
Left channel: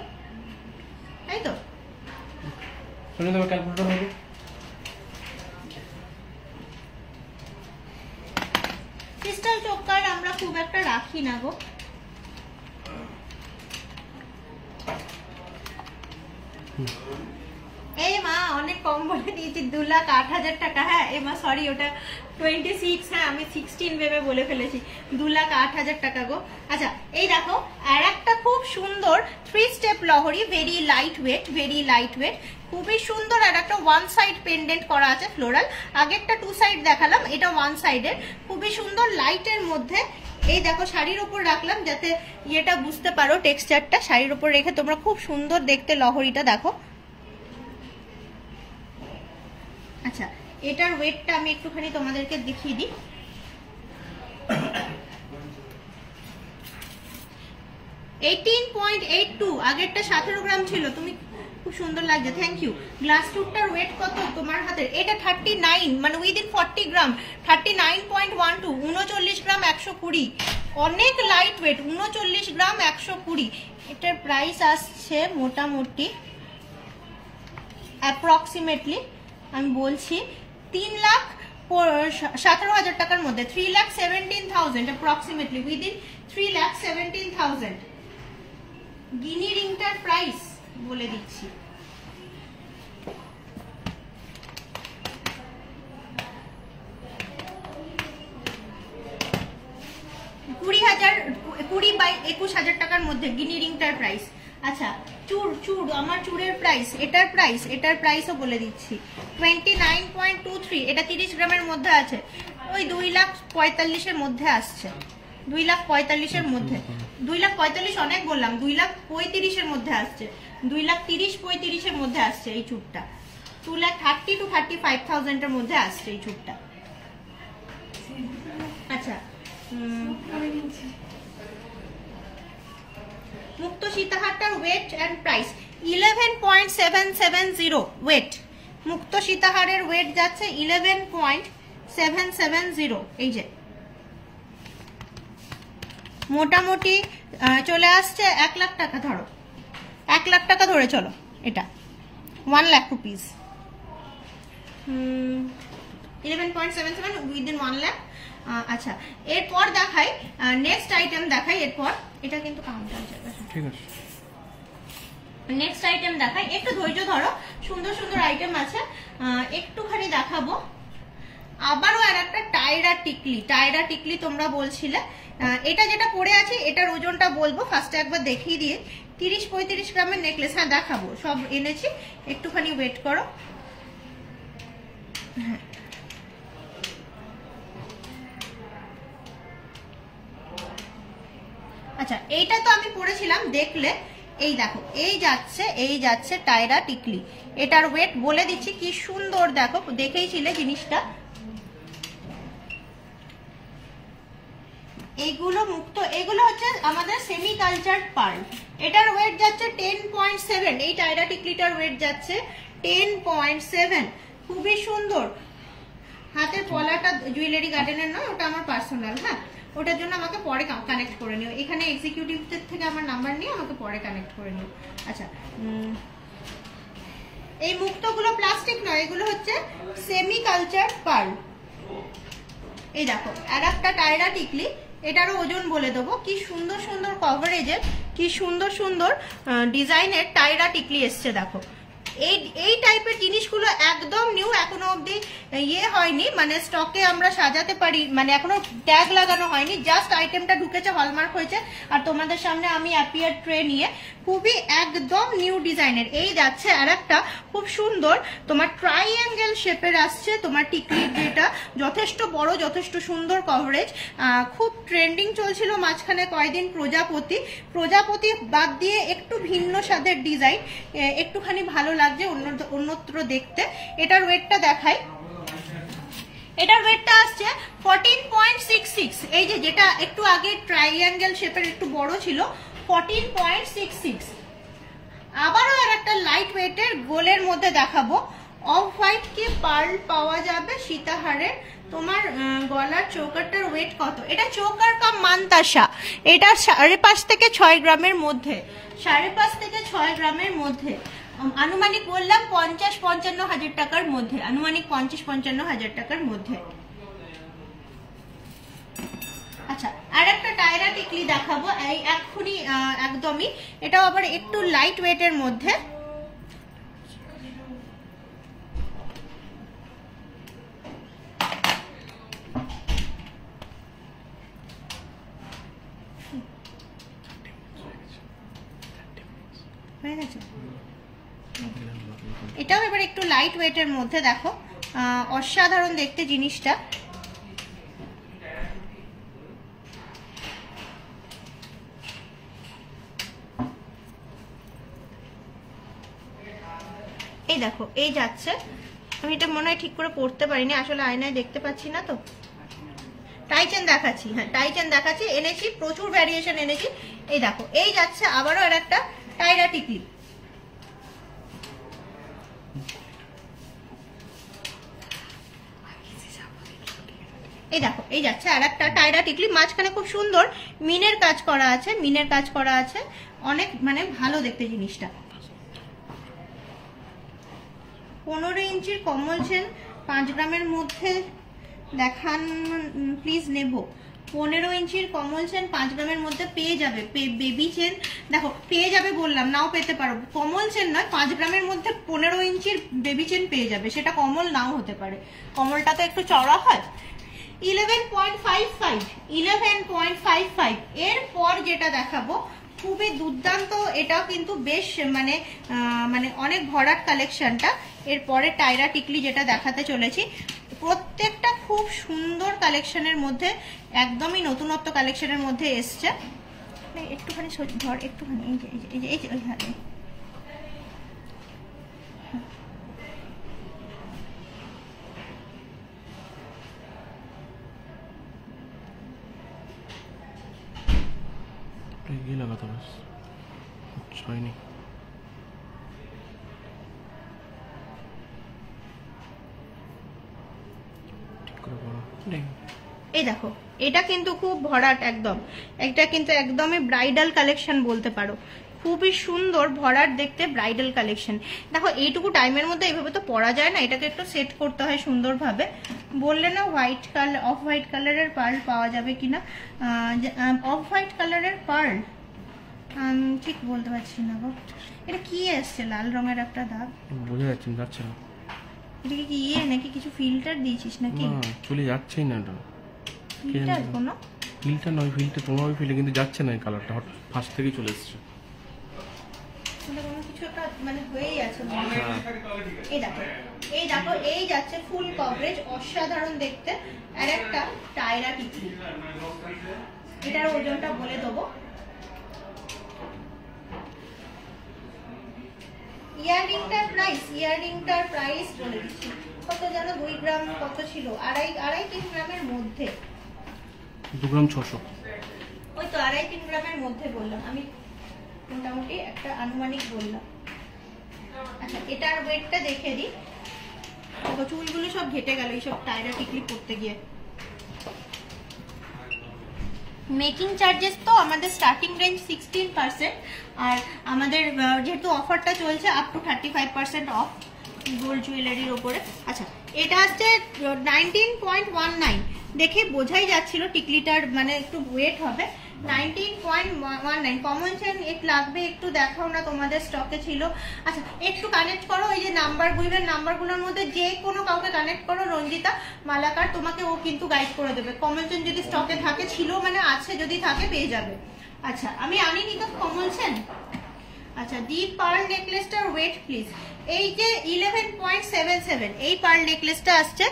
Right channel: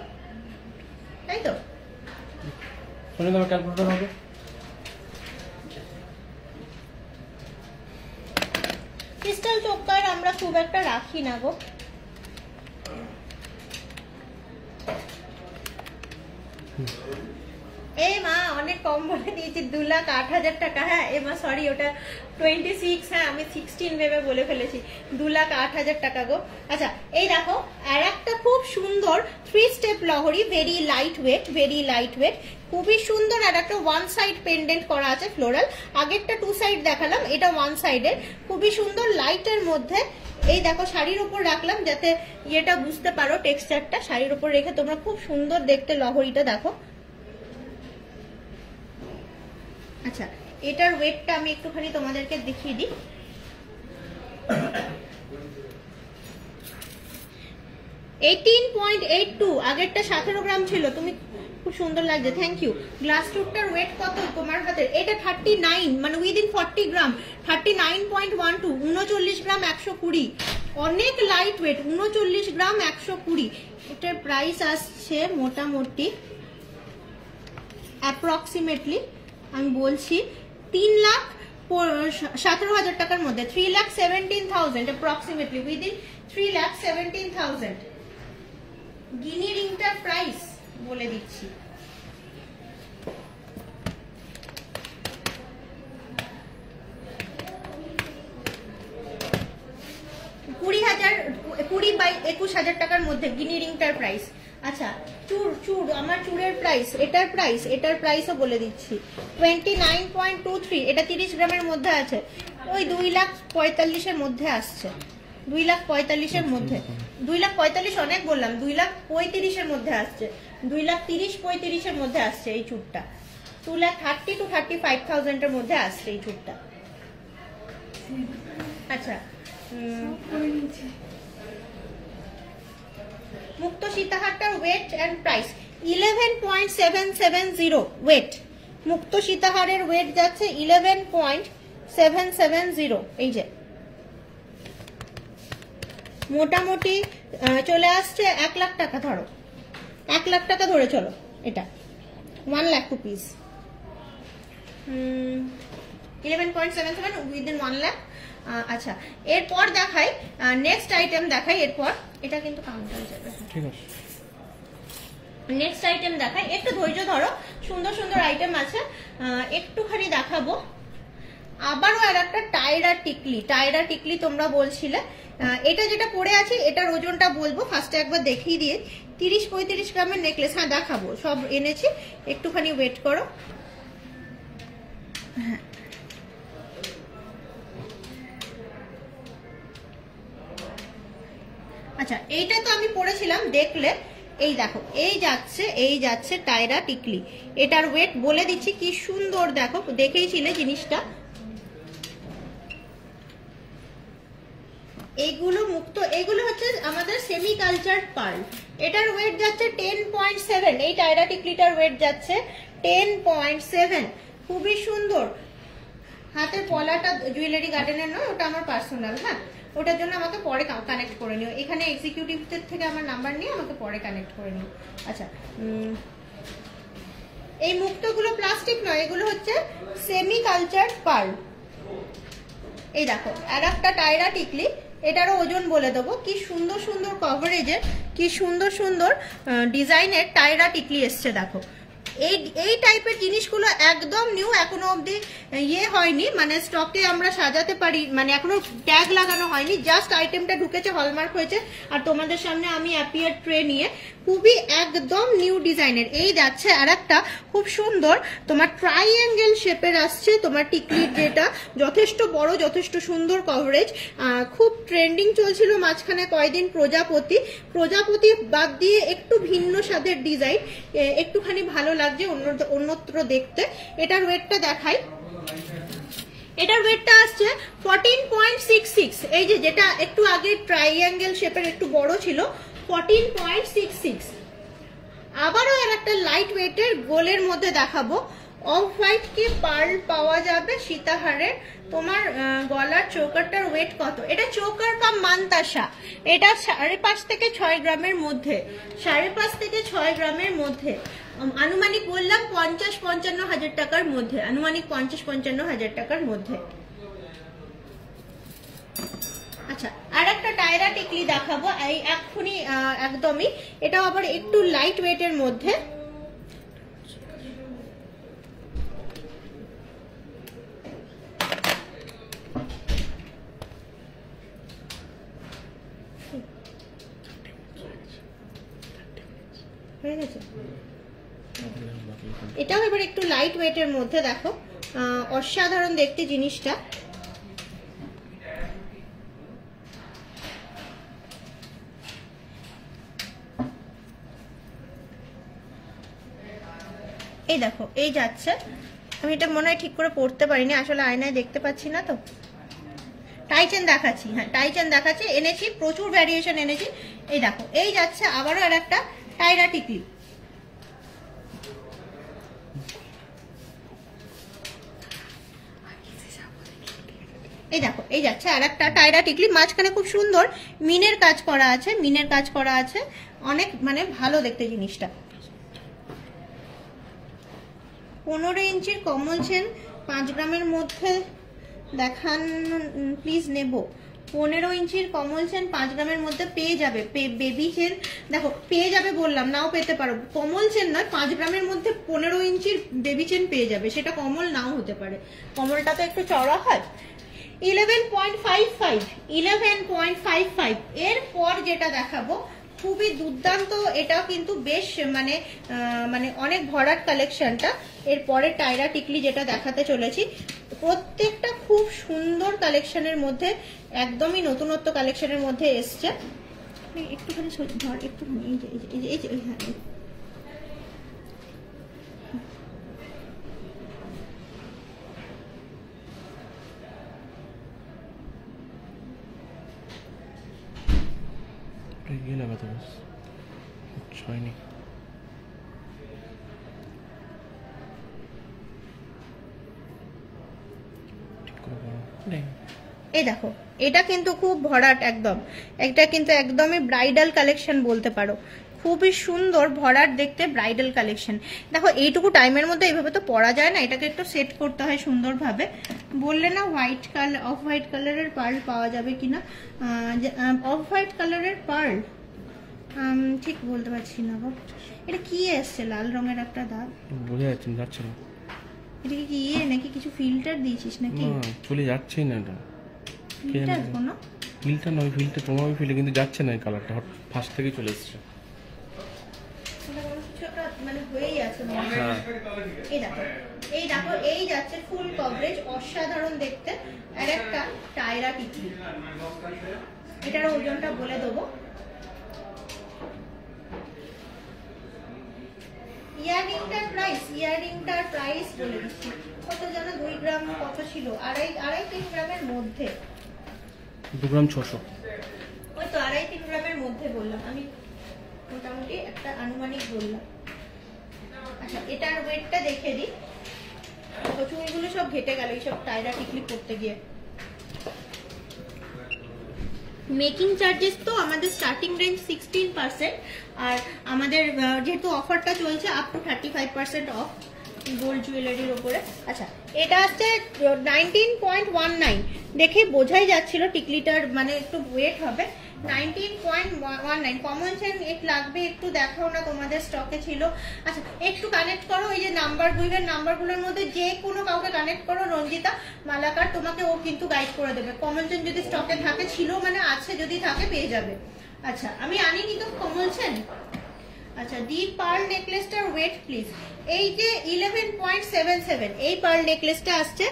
তাই তো? শুনে তোমার ক্যালকুলেটর হবে। ক্রিস্টাল চোকার আমরা খুব একটা রাখি না গো। এই মা অনেক কম বলে দিয়েছি, 2,08,000 টাকা। হ্যাঁ এ মা সরি, ওটা 26, হ্যাঁ আমি 16 ভেবে বলে ফেলেছি, 2,08,000 টাকা গো। আচ্ছা, এই দেখো আর একটা খুব সুন্দর 3 স্টেপ লহরি, ভেরি লাইট ওয়েট, খুবই সুন্দর। আর একটা 1 সাইড পেন্ডেন্ট করা আছে ফ্লোরাল, আগেরটা 2 সাইড দেখালাম, এটা 1 সাইডের, খুবই সুন্দর লাইটের মধ্যে। এই দেখো শাড়ির উপর রাখলাম যাতে ইয়েটা বুঝতে পারো, টেক্সচারটা শাড়ির উপর রেখে তোমরা খুব সুন্দর দেখতে লহরিটা দেখো। আচ্ছা, এটার ওয়েটটা আমি একটুখানি তোমাদেরকে দেখিয়ে দিই। আগেরটা 17 গ্রাম ছিল। তুমি খুব সুন্দর লাগছে, থ্যাংক ইউ। গ্লাস টুকটার ওয়েট কত তোমার হাতের? এটা 39, মানে উইদিন 40 গ্রাম, 39.12, 39 গ্রাম 120, অনেক লাইট ওয়েট, 39 গ্রাম 120। এটার প্রাইস আসছে মোটামুটি অ্যাপ্রক্সিমেটলি আমি বলছি 3,17,000 টাকার মধ্যে, 3,17,000 অ্যাপ্রক্সিমেটলি, উইদিন 3,17,000। গিনি রিংটার প্রাইস বলে দিচ্ছি, কুড়ি বাই 21,000 টাকার মধ্যে গিনি রিংটার প্রাইস। আচ্ছা চুর আমার চুরের প্রাইস, এটার প্রাইসও বলে দিচ্ছি 29.23। এটা 30 গ্রামের মধ্যে আছে, ওই 2,45,000 মধ্যে আসছে, 2,45,000 মধ্যে। 2,45,000 অনেক বললাম, 2,35,000 মধ্যে আসছে, 2,30,35,000 মধ্যে আসছে এই চুরটা, 2,30,000 to 35,000 এর মধ্যে আসছে এই চুরটা। আচ্ছা মুক্ত সীতাহারটার ওয়েট এন্ড প্রাইস 11.770 ওয়েট। মুক্ত সীতাহারের ওয়েট যাচ্ছে 11.770। এই যে মোটামুটি চলে আসছে 1 লাখ টাকা, ধরো 1 লাখ টাকা ধরে চলো, এটা 1 লাখ রুপিস। 11.77 উইদিন 1 লাখ। আচ্ছা এরপর দেখাই, নেক্সট আইটেম দেখাই, এরপর এটা কিন্তু কাউন্টার যাবে, ঠিক আছে। নেক্সট আইটেম দেখাই, একটু ধৈর্য ধরো, সুন্দর সুন্দর আইটেম আছে, একটুখানি দেখাবো। আবারও আর একটা টায়রা টিকলি তোমরা বলছিলে, এটা যেটা পড়ে আছে এটার ওজনটা বলবো, ফার্স্টে একবার দেখিয়ে দিয়ে। 30-35 গ্রামের নেকলেস, হ্যাঁ দেখাবো, সব এনেছি, একটুখানি ওয়েট করো। হ্যাঁ আচ্ছা এইটা তো আমি পড়েছিলাম, দেখলে এই দেখো এই যাচ্ছে টায়রা টিকলি। এটার ওয়েট বলে দিচ্ছি, কি সুন্দর দেখো, দেখেইছিলে জিনিসটা। এইগুলো মুক্ত, এগুলো হচ্ছে আমাদের সেমি কালচার পার্ল। এটার ওয়েট যাচ্ছে 10.7। এই টায়রা টিকলিটার ওয়েট যাচ্ছে 10.7। খুবই সুন্দর। হাতের পলাটা জুয়েলারি গার্ডেনের নয়, ওটা আমার পার্সোনাল, হ্যাঁ ওটার জন্য আমাকে পরে কানেক্ট করে নিও, এখানে এক্সিকিউটিভদের থেকে আমার নাম্বার নিয়ে আমাকে পরে কানেক্ট করে নিও। আচ্ছা এই মুক্তগুলো প্লাস্টিক নয়, এগুলো হচ্ছে সেমি কালচার পার্ল। এই দেখো আর একটা টায়রা টিকলি, এটারও ওজন বলে দেবো। কি সুন্দর সুন্দর কভারেজের, কি সুন্দর সুন্দর ডিজাইনের টায়রা টিকলি এসছে দেখো। এই টাইপের জিনিসগুলো একদম নিউ, এখনো অবধি হয়নি, মানে স্টকে আমরা সাজাতে পারি, মানে এখনো ট্যাগ লাগানো হয়নি, জাস্ট আইটেমটা ঢুকেছে, হলমার্ক হয়েছে, আর তোমাদের সামনে আমি অ্যাপিয়ার ট্রে নিয়ে, খুবই একদম নিউ ডিজাইনের। এই যাচ্ছে আর একটা খুব সুন্দর তোমার ট্রাইঅ্যাঙ্গেল শেপের আসছে তোমার টিকলির, যেটা যথেষ্ট বড়, যথেষ্ট সুন্দর কভারেজ। খুব ট্রেন্ডিং চলছিল মাঝখানে কয়েকদিন প্রজাপতি বাদ দিয়ে একটু ভিন্ন স্বাদের ডিজাইন, একটুখানি ভালো লাগছে অন্যত্র দেখতে। এটার ওয়েটটা দেখাই, এটার ওয়েটটা আসছে 14.66। এই যে যেটা একটু আগে ট্রাইঅ্যাঙ্গেল শেপের একটু বড় ছিল, 14.66। আবারও আর একটা লাইট ওয়েটের গোলের মধ্যে দেখাবো। অফ হোয়াইট কি পার্ল পাওয়া যাবে সীতাহারের। তোমার গলার চৌকারটার ওয়েট কত? এটা চৌকার কাম মানতাসা, এটা 5.5 থেকে 6 গ্রামের মধ্যে, 5.5 থেকে 6 গ্রামের মধ্যে। আনুমানিক বললাম 50-55 হাজার টাকার মধ্যে, আনুমানিক 50-55 হাজার টাকার মধ্যে। আচ্ছা আর একটা টায়রা টিকলি দেখাবো এই এক্ষুনি, একদমই, এটা আবার একটু লাইট ওয়েটের মধ্যে। এটাও এবার একটু লাইট ওয়েটের মধ্যে, দেখো অসাধারণ দেখতে জিনিসটা। এই দেখো এই যাচ্ছে, আমি এটা মনে হয় ঠিক করে পড়তে পারিনি, আসলে আয়নায় দেখতে পাচ্ছি না তো। টাইচেন দেখাচ্ছি, হ্যাঁ টাইচেন দেখাচ্ছি, এনেছি প্রচুর ভ্যারিয়েশন এনেছি। এই দেখো এই যাচ্ছে আবারও আর একটা টায়রা টিকলি। এই দেখো এই যাচ্ছে আর একটা টায়রা টিকলি, মাঝখানে খুব সুন্দর মিনের কাজ করা আছে, মিনের কাজ করা আছে, অনেক মানে ভালো দেখতে জিনিসটা। 15 ইঞ্চির কমল চেন 5 গ্রামের মধ্যে দেখান প্লিজ, নেব। 15 ইঞ্চির কমল চেন 5 গ্রামের মধ্যে পেয়ে যাবে। বেবি চেন দেখো পেয়ে যাবে বললাম, নাও পেতে পারো, কমল চেন নয়, 5 গ্রামের মধ্যে 15 ইঞ্চির বেবি চেন পেয়ে যাবে, সেটা কমল নাও হতে পারে, কমলটা তো একটু চড়া হয়। 11.55 এরপর যেটা দেখাবো খুবই দুর্দান্ত, এটাও কিন্তু বেশ মানে অনেক ভরাট কালেকশনটা। এরপরে টায়রা টিকলি যেটা দেখাতে চলেছি, প্রত্যেকটা খুব সুন্দর কালেকশনের মধ্যে, একদমই নতুনত্ব কালেকশনের মধ্যে এসছে। একটুখানি ধর, একটুখানি এই যে ये लगा था बस, হয়নি। এই দেখো এটা কিন্তু খুব ভরাট একদম, এটা কিন্তু একদমই ব্রাইডাল কালেকশন বলতে পারো, খুবই সুন্দর ভরাট দেখতে ব্রাইডাল কালেকশন। দেখো এইটুকু টাইমের মধ্যে এইভাবে তো পরা যায় না, এটাকে একটু সেট করতে হয় সুন্দরভাবে। বললে না হোয়াইট কালার, অফ হোয়াইট কালারের পার্ল পাওয়া যাবে কিনা, অফ হোয়াইট কালারের পার্ল ঠিক বলতে পারছি না গো। এটা কি এসছে লাল রঙের একটা দাগ, বোঝা যাচ্ছে না। এটা কি ইয়ে নাকি কিছু ফিল্টার দিয়েছিস নাকি? না চলে যাচ্ছেই না, এটা ফিল্টার কোনো ফিল্টার নয়, ফিল্টার তোমার ফিল্টার কিন্তু যাচ্ছে না, এই কালারটা ফার্স্ট থেকেই চলে এসছে। মানে হয়েই আছে। এই দেখো এই যাচ্ছে ফুল কভারেজ, অসাধারণ দেখতে। আর একটা টায়রা টিকলি, এটার ওজনটা বলে দেবো। ইয়াররিংটার প্রাইস বলে দিচ্ছি, কত যেন 2 গ্রাম কত ছিল, 2.5-3 গ্রামের মধ্যে, 2 গ্রাম 600, ওই তো 2.5-3 গ্রামের মধ্যে বললাম আমি, মোটামুটি একটা আনুমানিক বললাম। আচ্ছা এটার ওয়েটটা দেখে দিই, চুলগুলো সব ঘেটে গেল এইসব টায়রা টিকলি পড়তে গিয়ে। মেকিং চার্জেস তো আমাদের স্টার্টিং রেঞ্জ 16%, আর আমাদের যেহেতু অফারটা চলছে আপ টু 35% অফ গোল্ড জুয়েলারির ওপরে। আচ্ছা এটা হচ্ছে 19.19, দেখি বোঝাই যাচ্ছিল টিকলিটার মানে একটু ওয়েট হবে। 19.19 কমন চেন এক লাগবে, একটু দেখাও না তোমাদের স্টকে ছিল। আচ্ছা একটু কানেক্ট করো, এই যে নাম্বারগুলোর মধ্যে যে কোনো কাউকে কানেক্ট করো, রঞ্জিতা মালাকার, তোমাকে ও কিন্তু গাইড করে দেবে। কমন চেন যদি স্টকে থাকে, ছিল মানে আছে, যদি থাকে পেয়ে যাবে। আচ্ছা আমি আনিনি তো কমন চেন। আচ্ছা দি পার্ল নেকলেসটার ওয়েট প্লিজ, এই যে 11.77, এই পার্ল নেকলেসটা আসছে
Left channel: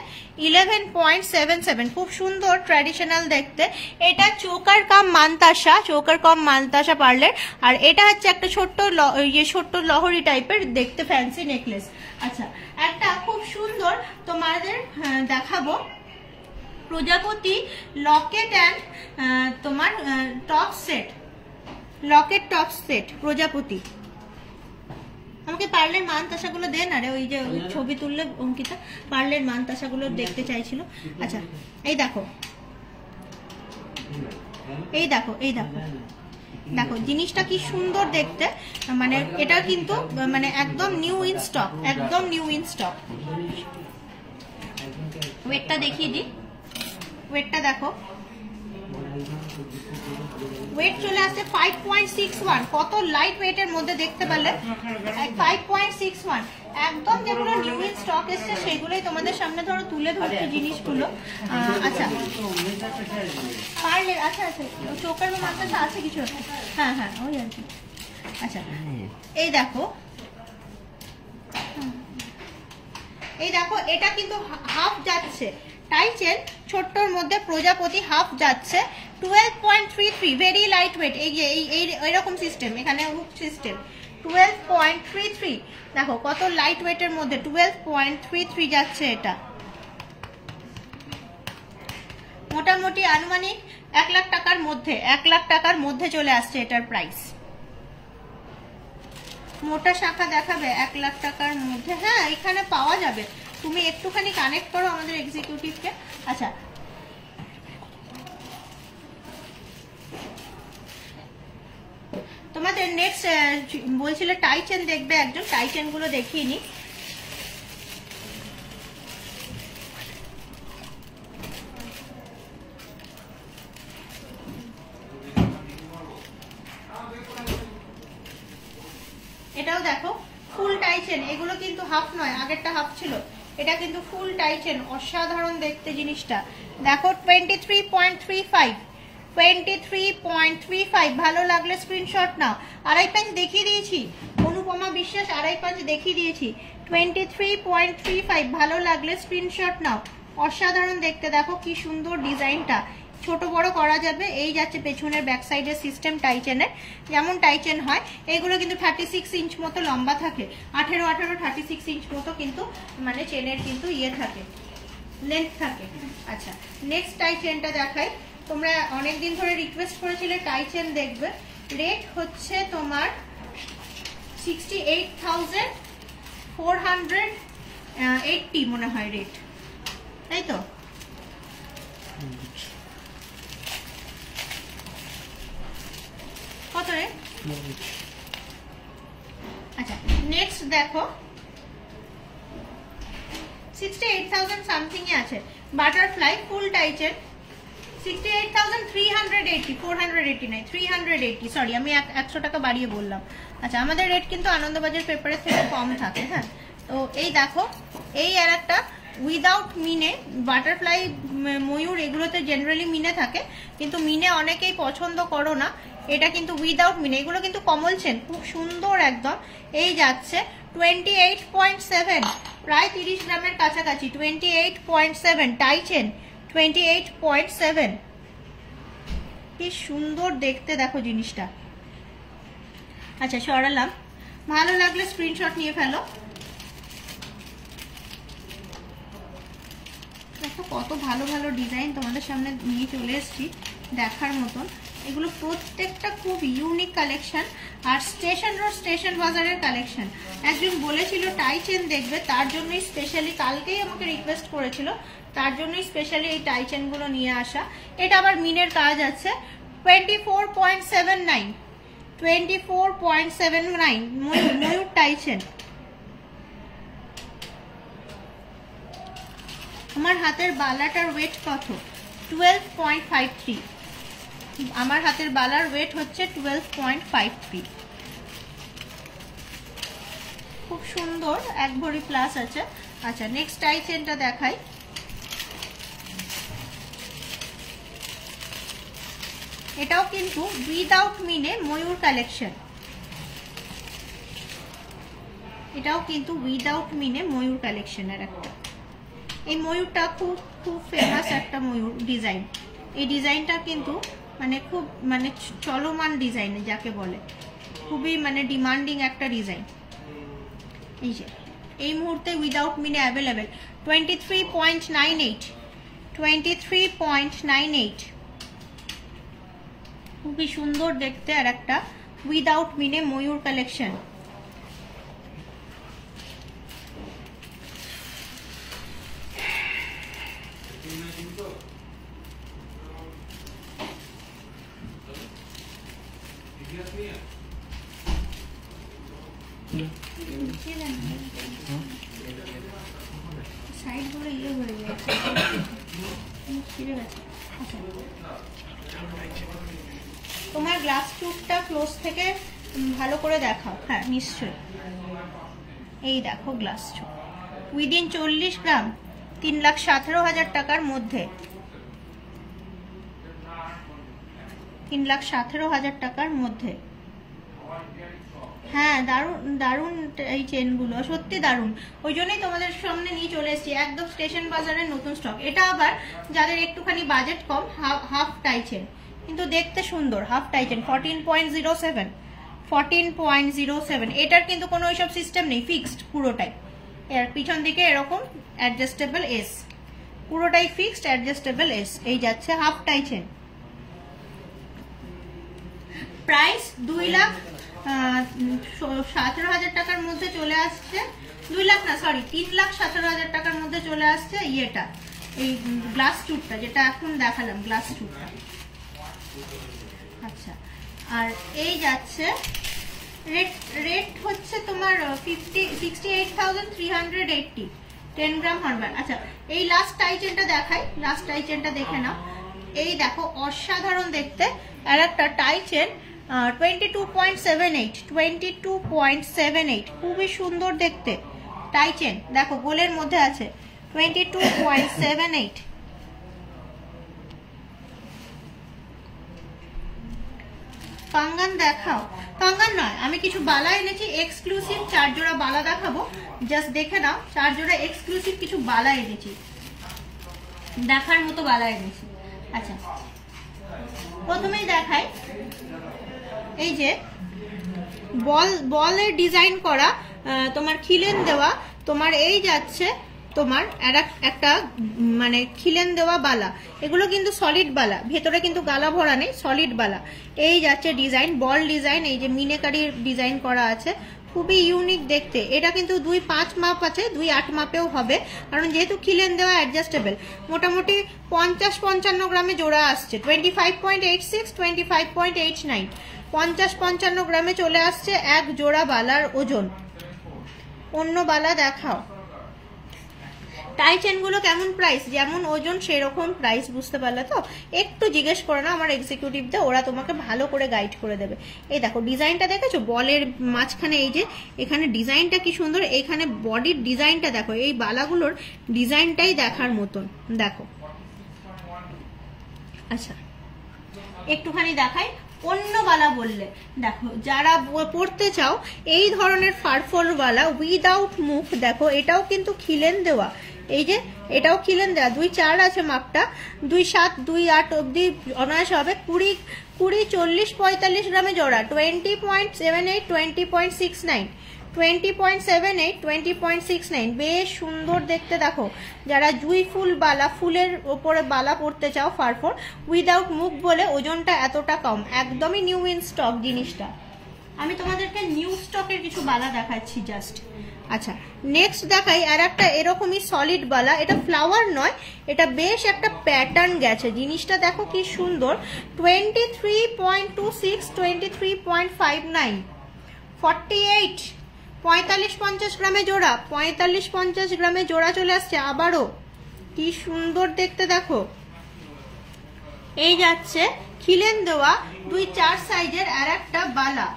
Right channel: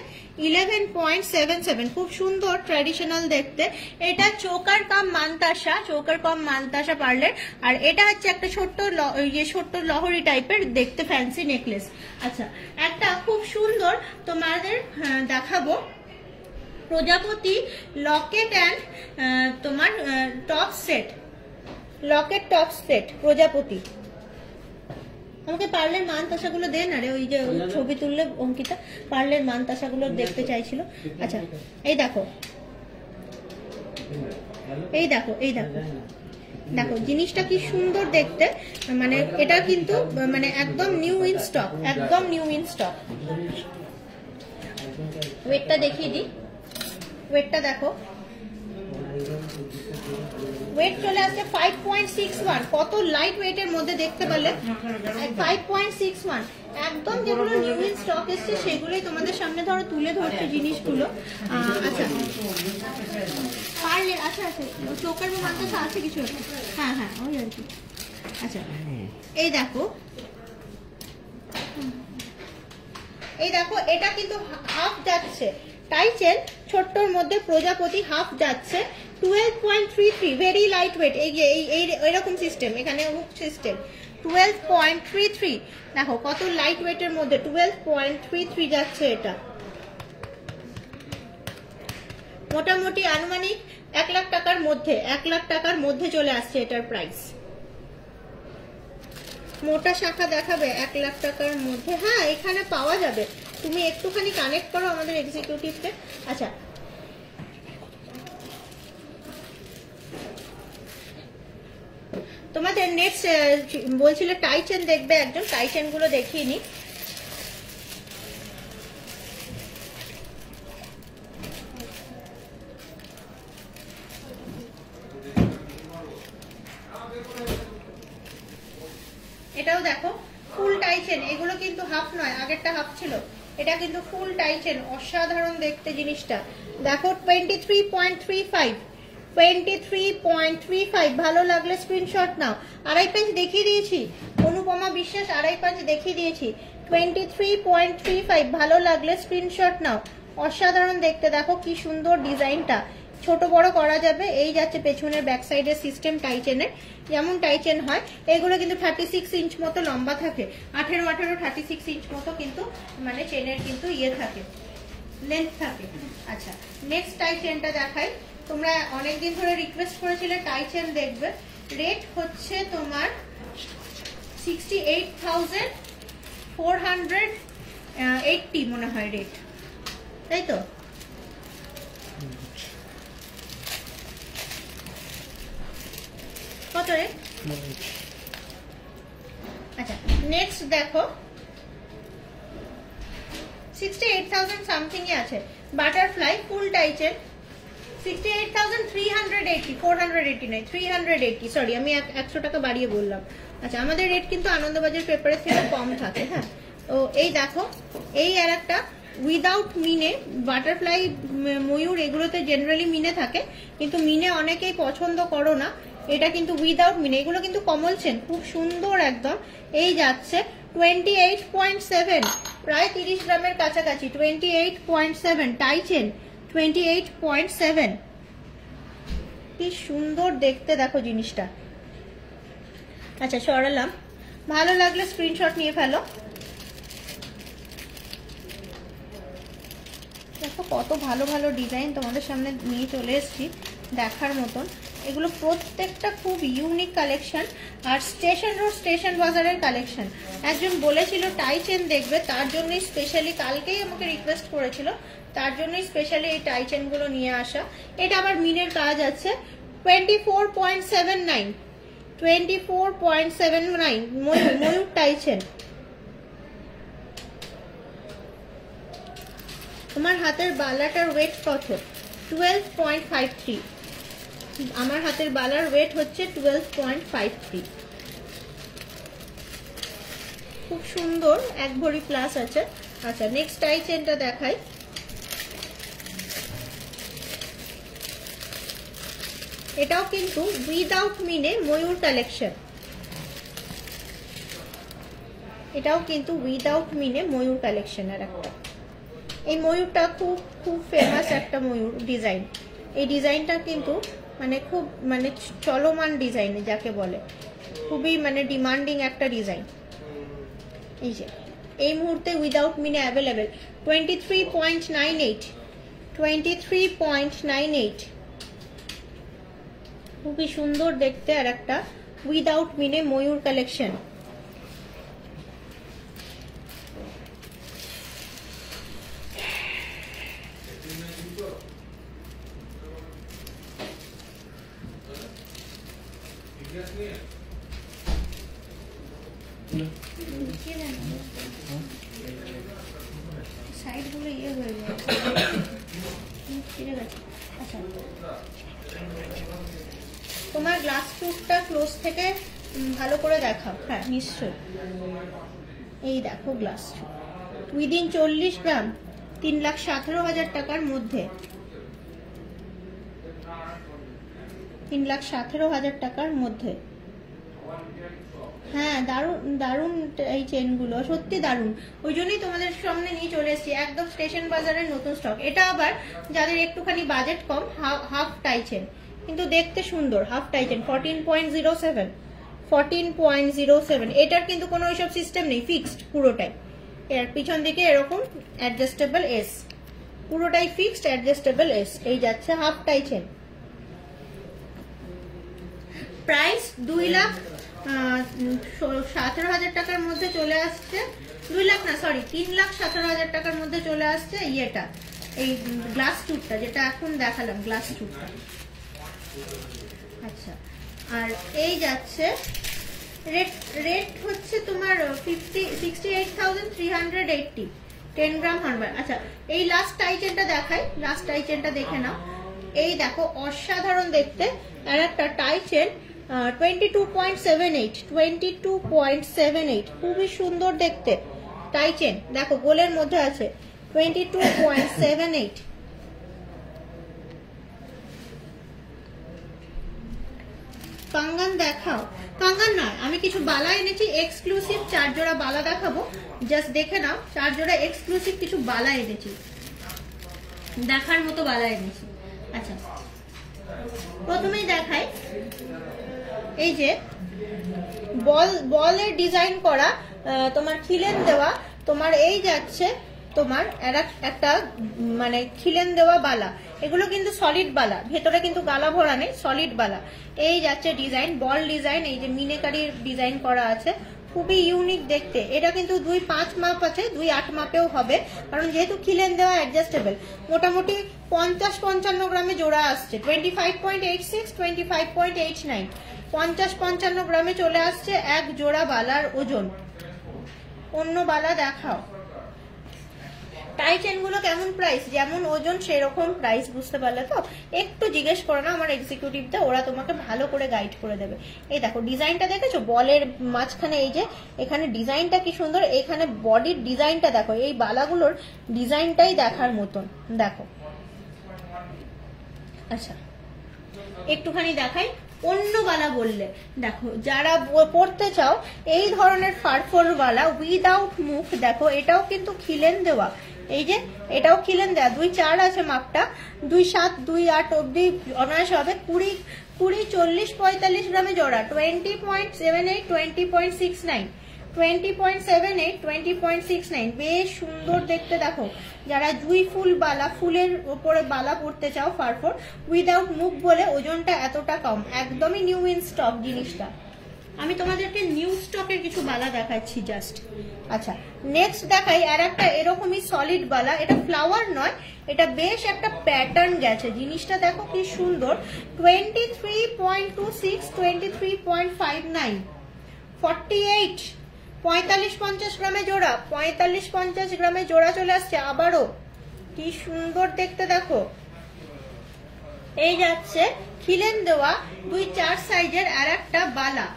11.77, খুব সুন্দর ট্র্যাডিশনাল দেখতে। এটা চোকার কাম মানতাসা পার্লের, আর এটা হচ্ছে একটা ছোট্ট লহরি টাইপের দেখতে ফ্যান্সি নেকলেস। আচ্ছা একটা খুব সুন্দর তোমাদের দেখাবো, প্রজাপতি লকেট অ্যান্ড তোমার top set, Locket top set প্রজাপতি। আমাকে পার্লের মান তাসাগুলো দেন, আরে ওই যে ছবি তুললে অঙ্কিতা পার্লের মান তাসাগুলো দেখতে চাইছিল। আচ্ছা এই দেখো দেখো জিনিসটা কি সুন্দর দেখতে, মানে এটা কিন্তু মানে একদম নিউ ইন স্টক, একদম নিউ ইন স্টক। ওয়েটটা দেখিয়ে দিই, ওয়েটটা দেখো, ওয়েট চলে আসছে 5.61, কত লাইট ওয়েটের মধ্যে দেখতে পারলে, 5.61, একদম যেগুলো নিউ ইন স্টক এসছে সেগুলোই তোমাদের সামনে ধরো তুলে ধরছে জিনিসগুলো। আচ্ছা পারলে, আচ্ছা চোখের মাথা আছে কিছু, হ্যাঁ ওই আর কি। আচ্ছা এই দেখো এটা কিন্তু হাফ যাচ্ছে, টাই চেন ছোট্টর মধ্যে প্রজাপতি হাফ যাচ্ছে, 12.33, ভেরি লাইট ওয়েট। এইরকম সিস্টেম, এখানে হুক সিস্টেম, 12.33, দেখো কত লাইট ওয়েটের মধ্যে 12.33 যাচ্ছে। এটা মোটামুটি আনুমানিক 1 লাখ টাকার মধ্যে, 1 লাখ টাকার মধ্যে চলে আসছে এটার প্রাইস। মোটা শাখা দেখাবে 1 লাখ টাকার মধ্যে, হ্যাঁ এখানে পাওয়া যাবে, তুমি একটুখানি কানেক্ট করো আমাদের এক্সিকিউটিভকে। আচ্ছা তোমাদের নেক্সট বলছিলে টাই চেন দেখবে একজন, টাই চেন গুলো দেখিয়ে নি। এটাও দেখো ফুল টাই চেন, এগুলো কিন্তু হাফ নয়, আগেরটা হাফ ছিল, এটা কিন্তু ফুল টাই চেন, অসাধারণ দেখতে জিনিসটা। দেখো 23.35, 23.35, ভালো লাগলে স্ক্রিনশট নাও। আড়াই পাঁচ দেখিয়ে দিয়েছি, অনুপমা বিশ্বাস আড়াই পাঁচ দেখিয়ে দিয়েছি। 23.35, ভালো লাগলে স্ক্রিনশট নাও, অসাধারণ দেখতে। দেখো কি সুন্দর ডিজাইনটা, ছোট বড় করা যাবে। এই যাচ্ছে পেছনের ব্যাক সাইডের সিস্টেম টাই চেনের, যেমন টাই চেন হয়। এগুলো কিন্তু 36 ইঞ্চ মতো লম্বা থাকে, 18 36 ইঞ্চ মতো কিন্তু মানে চেনের কিন্তু ইয়ে থাকে, লেন্থ থাকে। আচ্ছা নেক্সট টাই চেনটা দেখাই। তোমরা অনেকদিন ধরে রিকোয়েস্ট করেছিলে টাই চেন দেখবে। রেট হচ্ছে তোমার 68,480 মনে হয় রেট, তাই তো? কত রে? আচ্ছা নেক্সট দেখো 68,000 সামথিং এ আছে, বাটারফ্লাই ফুল টাই চেন 68,380, 480 নাই 380, সরি আমি 100 টাকা বাড়িয়ে বললাম। আচ্ছা আমাদের রেট কিন্তু আনন্দবাজার পেপারের থেকে কম থাকে। হ্যাঁ তো এই দেখো, এই আর একটা উইদাউট মিনে, বাটারফ্লাই ময়ূর এগুলোতে জেনারেলি মিনে থাকে, কিন্তু মিনে অনেকেই পছন্দ করো না, এটা কিন্তু উইদাউট মিনে। এগুলো কিন্তু কমল চেন, খুব সুন্দর একদম। এই যাচ্ছে 28.7, প্রায় 30 গ্রামের কাছাকাছি, 28.7 টাই চেন, 28.7, কি সুন্দর দেখতে দেখো জিনিসটা। আচ্ছা সরালাম, ভালো লাগলে স্ক্রিনশট নিয়ে ফেলো। দেখো কত ভালো ভালো ডিজাইন তোমাদের সামনে নিয়ে চলে এসেছি, দেখার মতন। এগুলো প্রত্যেকটা খুব ইউনিক কালেকশন, আর স্টেশন রোড স্টেশন বাজারের কালেকশন। একজন বলেছিল টাই চেন দেখবে, তার জন্যই স্পেশালি কালকেই আমাকে রিকোয়েস্ট করেছিল, তার জন্যই স্পেশালি এই টাই চেন গুলো নিয়ে আসা। এটা আবার মিনের কাজ আছে। 24.79, 24.79 ময়ূর টাই চেন। তোমার হাতের বালাটার ওয়েট কত? 12.53, আমার হাতের বালার ওয়েট হচ্ছে 12.53, খুব সুন্দর, 1 ভরি প্লাস আছে। আচ্ছা নেক্সট টাই চেনটা দেখাই। এটাও কিন্তু উইদাউট মিনে ময়ূর কালেকশন, এটাও কিন্তু উইদাউট মিনে ময়ূর কালেকশনের একটা। এই ময়ূরটা খুব খুব ফেমাস একটা ময়ূর ডিজাইন। এই ডিজাইনটা কিন্তু মানে খুব মানে চলমান ডিজাইন যাকে বলে, খুবই মানে ডিমান্ডিং একটা ডিজাইন। এই যে এই মুহূর্তে উইদাউট মিনে অ্যাভেলেবেল 23.98, 23.98, খুবই সুন্দর দেখতে আর একটা উইদাউট মিনে ময়ূর কালেকশন। সাইড গুলো ইয়ে হয়ে গেছে, ছিঁড়ে গেছে। আচ্ছা তোমার গ্লাস টুথটা ক্লোজ থেকে ভালো করে দেখাও। হ্যাঁ নিশ্চয়ই, এই দেখো গ্লাস টুথ উইদিন 40 গ্রাম, 3,17,000 টাকার মধ্যে, 3,17,000 টাকার মধ্যে। হ্যাঁ দারুন দারুন এই চেনগুলো, সত্যি দারুন, ওই জন্যই তোমাদের সামনে নিয়ে চলে এসেছি, একদম স্টেশন বাজারের নতুন স্টক। এটা আবার যাদের একটুখানি বাজেট কম, হাফ টাই চেন, কিন্তু দেখতে সুন্দর। Half tie chain 14.07, 14.07। এটার কিন্তু কোনো ওইসব সিস্টেম নেই, ফিক্সড পুরোটাই। এর পিছন দিকে এরকম অ্যাডজাস্টেবল এস, পুরোটাই ফিক্সড অ্যাডজাস্টেবল এস। এই যাচ্ছে হাফ টাই চেন, প্রাইস 2,17,000 টাকার মধ্যে চলে আসছে। 2 লাখ না, সরি 3,17,000 টাকার মধ্যে চলে আসছে ইয়েটা, এই গ্লাস টুথটা যেটা এখন দেখালাম, গ্লাস টুথটা। আচ্ছা, আর এই যাচ্ছে রেট হচ্ছে তোমার 68,380, 10 গ্রাম হ্যান্ডব্যাগ। আচ্ছা, এই লাস্ট টাই চেনটা দেখাই, লাস্ট টাই চেনটা দেখে নাও। এই দেখো অসাধারণ দেখতে আর একটা টাই চেন, 22.78, খুবই সুন্দর দেখতে টাই চেন। দেখো গোলের মধ্যে আছে 22.78। কাঙ্গান দেখাও, কাঙ্গান নয়, আমি কিছু বালা এনেছি এক্সক্লুসিভ, 4 জোড়া বালা দেখাবো, জাস্ট দেখে নাও। 4 জোড়া এক্সক্লুসিভ কিছু বালা এনেছি, দেখার মতো বালা এনেছি। আচ্ছা, প্রথমেই দেখাই, এই যে বলের ডিজাইন করা, তোমার খিলেন দেওয়া, তোমার এই যাচ্ছে তোমার একটা মানে খিলেন দেওয়া বালা। এগুলো কিন্তু সলিড বালা, ভেতরে কিন্তু গালা ভরা নেই, সলিড বালা। এই যাচ্ছে ডিজাইন, বল ডিজাইন, এই যে মিনেকারির ডিজাইন করা আছে, খুবই ইউনিক দেখতে। এটা কিন্তু 2.5 মাপ আছে, 2.8 মাপেও হবে, কারণ যেহেতু খিলেন দেওয়া অ্যাডজাস্টেবল। মোটামুটি 50-55 গ্রামে জোড়া আসছে, 25.86, 25.89, 50-55 গ্রামে চলে আসছে এক জোড়া বালার ওজন। অন্য বালা দেখাও। টাই চেন গুলো কেমন প্রাইস, যেমন ওজন সেরকম প্রাইস, বুঝতে পারলে তো? একটু জিজ্ঞেস করে না আমার এক্সিকিউটিভদের, ওরা তোমাকে ভালো করে গাইড করে দেবে। এই দেখো ডিজাইনটা দেখেছো, বলের মাঝখানে এই যে এখানে ডিজাইনটা কি সুন্দর, এখানে বডির ডিজাইনটা দেখো, এই বালাগুলোর ডিজাইনটাই দেখার মতন, দেখো। আচ্ছা, একটুখানি দেখাই অন্য বালা বললে, দেখো যারা পড়তে চাও এই ধরনের ফারফর বালা উইদাউট মুখ, দেখো এটাও কিন্তু খিলেন দেওয়া, এই যে এটাও খিলেন দেওয়া, 2.4 আছে মাপটা, 2.7, 2.8 অব্দি অনায়াস হবে। 20, 40, 45 গ্রামে জোড়া, 20.78, 20.69, 20.78, 20.69, বেশ সুন্দর দেখতে। দেখো যারা জুই ফুল বালা, ফুলের ওপরে বালা পড়তে চাও ফারফর উইদাউট মুখ বলে ওজনটা এতটা কম, একদমই নিউ ইন স্টক জিনিসটা। আমি তোমাদেরকে নিউ স্টকের কিছু বালা দেখাচ্ছি জাস্ট। আচ্ছা, নেক্সট দেখাই আর একটা এরকমই সলিড বালা, এটা ফ্লাওয়ার নয়, এটা বেশ একটা প্যাটার্ন গেছে, জিনিসটা দেখো কি সুন্দর। 23.26, 23.59, 48, 45-50 গ্রামে জোড়া, 45-50 গ্রামে জোড়া চলে আসছে আবারও, কি সুন্দর দেখতে দেখো। এই যাচ্ছে খিলেন দেওয়া 2.4 সাইজের আর একটা বালা।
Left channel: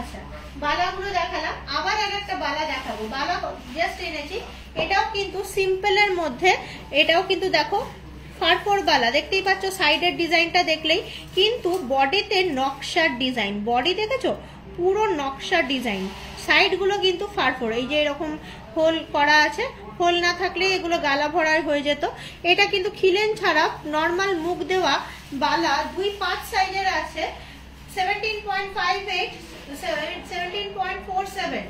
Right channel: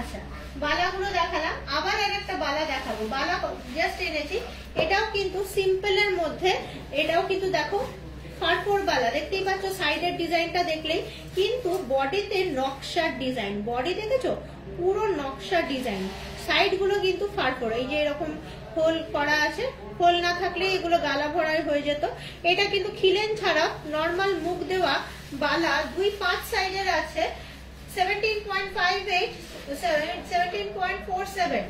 আচ্ছা, বালাগুলো দেখালাম, আবার আর একটা বালা দেখাবো। বালা জাস্ট এনেছি, এটাও কিন্তু সিম্পলের মধ্যে, এটাও কিন্তু দেখো ফারফর বালা, দেখতেই পাচ্ছ সাইডের ডিজাইনটা দেখলেই, কিন্তু বডিতে নকশার ডিজাইন, বডি দেখেছো পুরো নকশার ডিজাইন, সাইড গুলো কিন্তু ফারফর, এই যে এরকম হোল করা আছে, হোল না থাকলে এগুলো গালা ভরায় হয়ে যেত। এটা কিন্তু খিলেন ছাড়া নর্মাল মুখ দেওয়া বালা, 2.5 সাইজের আছে, 17.58, 17.47,